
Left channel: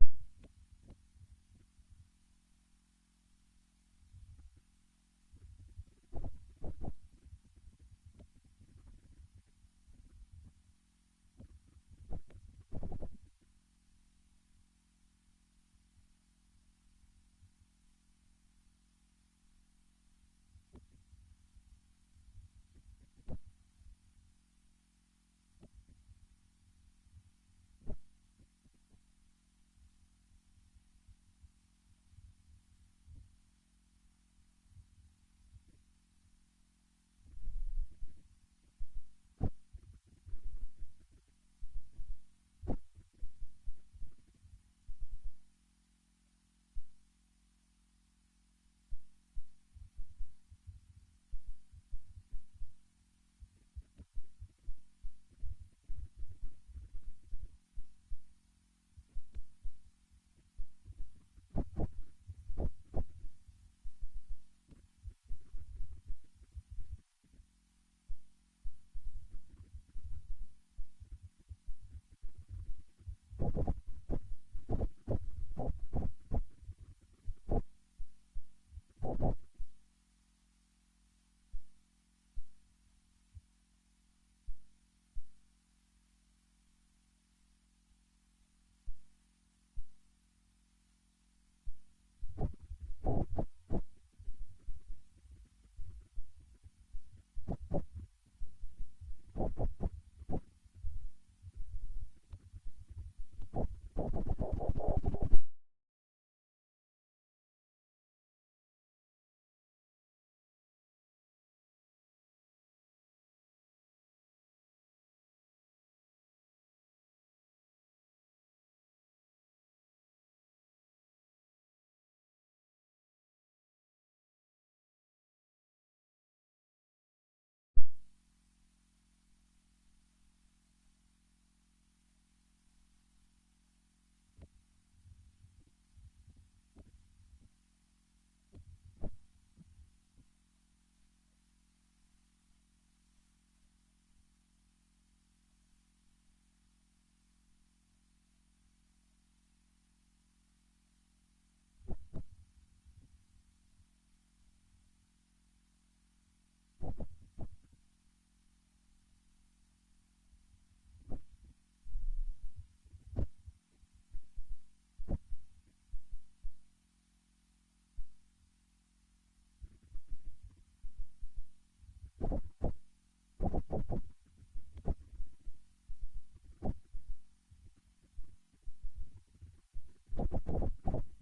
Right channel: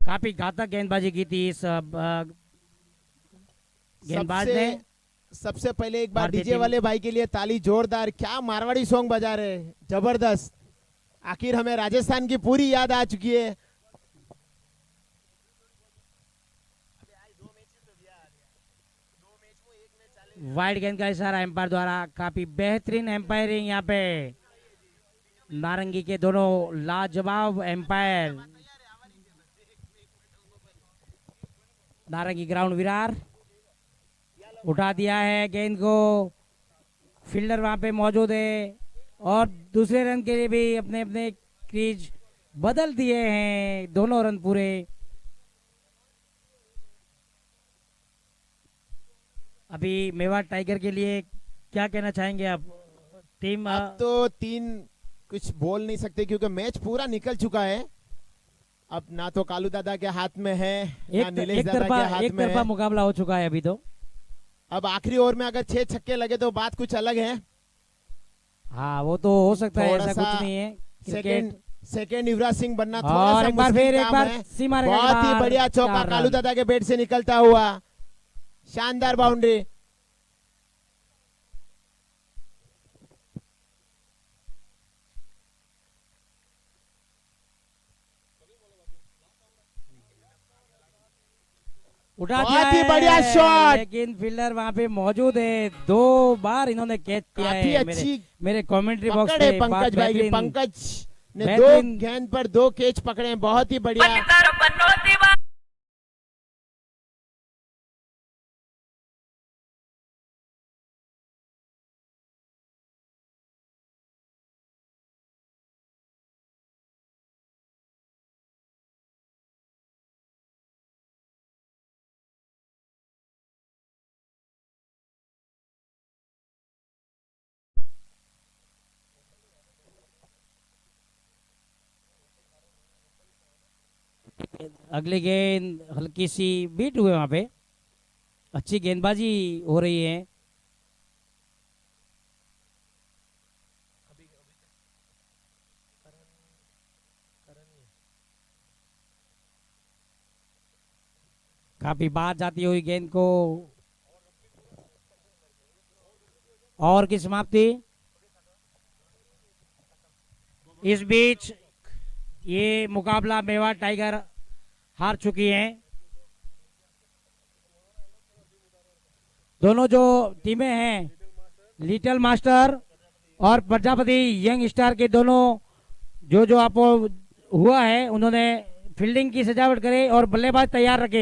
काफी घातक गेंदबाजी की थी इस गेंदबाज ने। सबसे पहले एक बार भारतीय डीजे टीम- वाले भाई के लिए ताली जोरदार। क्या मारवाड़ी सॉन्ग बजा रहे हैं, जबरदस्त। आखिर हमें राजस्थान की पूरी याद आ चुकी है। वाइड गेंद का इशारा एम्पायर द्वारा। काफी बेहतरीन एम्पायरिंग यहाँ पे, नारंगी के दोनों लाजवाब एम्पायर। नारंगी ग्राउंड विरार उठा दिया है गेंद को, फील्डर वहां पे मौजूद है, और दूसरे रन के लिए भी अपने अपने क्रीज बदल दिए हैं, दोनों रन पूरे। अभी मेवाड़ टाइगर के लिए क्या कहना चाहेंगे आप? टीम अब तो 3 कुछ बोल नहीं सकते क्योंकि मैच पूरा निकल चुका है। अब ना तो कालू दादा के हाथ में है ना नीलेश एक दादा के हाथ एक में तरफा है। मुकाबला हो चुका है अभी तो। अब आखिरी ओवर में अगर 6 छक्के लगे तो बात कुछ अलग है। हाँ वो तो हो सकता है, थोड़ा ऐसा सा कुछ नहीं है। क्रिकेट सेकंड युवराज सिंह बनना थोड़ा और सा एक बार मुश्किल फिर एक काम बार है। सीमा रेखा के बहुत ही बाहर बढ़िया चौका 4 कालू रन। दादा के बैट से निकलता हुआ, शानदार बाउंड्री। उठा बहुत दिया ही है, बढ़िया शॉट। लेकिन फील्डर वहां पे मौजूद है। 2 बार इन्होंने कैच किया काफी है। अच्छी मेरे कमेंट्री बॉक्स पकड़ है में पंकज भाई की। बेहतरीन- पंकज ने 2 बेहतरीन- गेंद पर 2 कैच पकड़े हैं, बहुत ही बढ़िया। अगली गेंद हल्की सी बीट हुए वहां पे। अच्छी गेंदबाजी हो रही है। काफी बार जाती हुई गेंद को और की समाप्ति। इस बीच ये मुकाबला मेवाड़ टाइगर हार चुकी हैं। दोनों जो टीमें हैं, लिटिल मास्टर और प्रजापति यंग स्टार के दोनों जो आपको हुआ है, उन्होंने फील्डिंग की सजावट करे और बल्लेबाज तैयार रखे।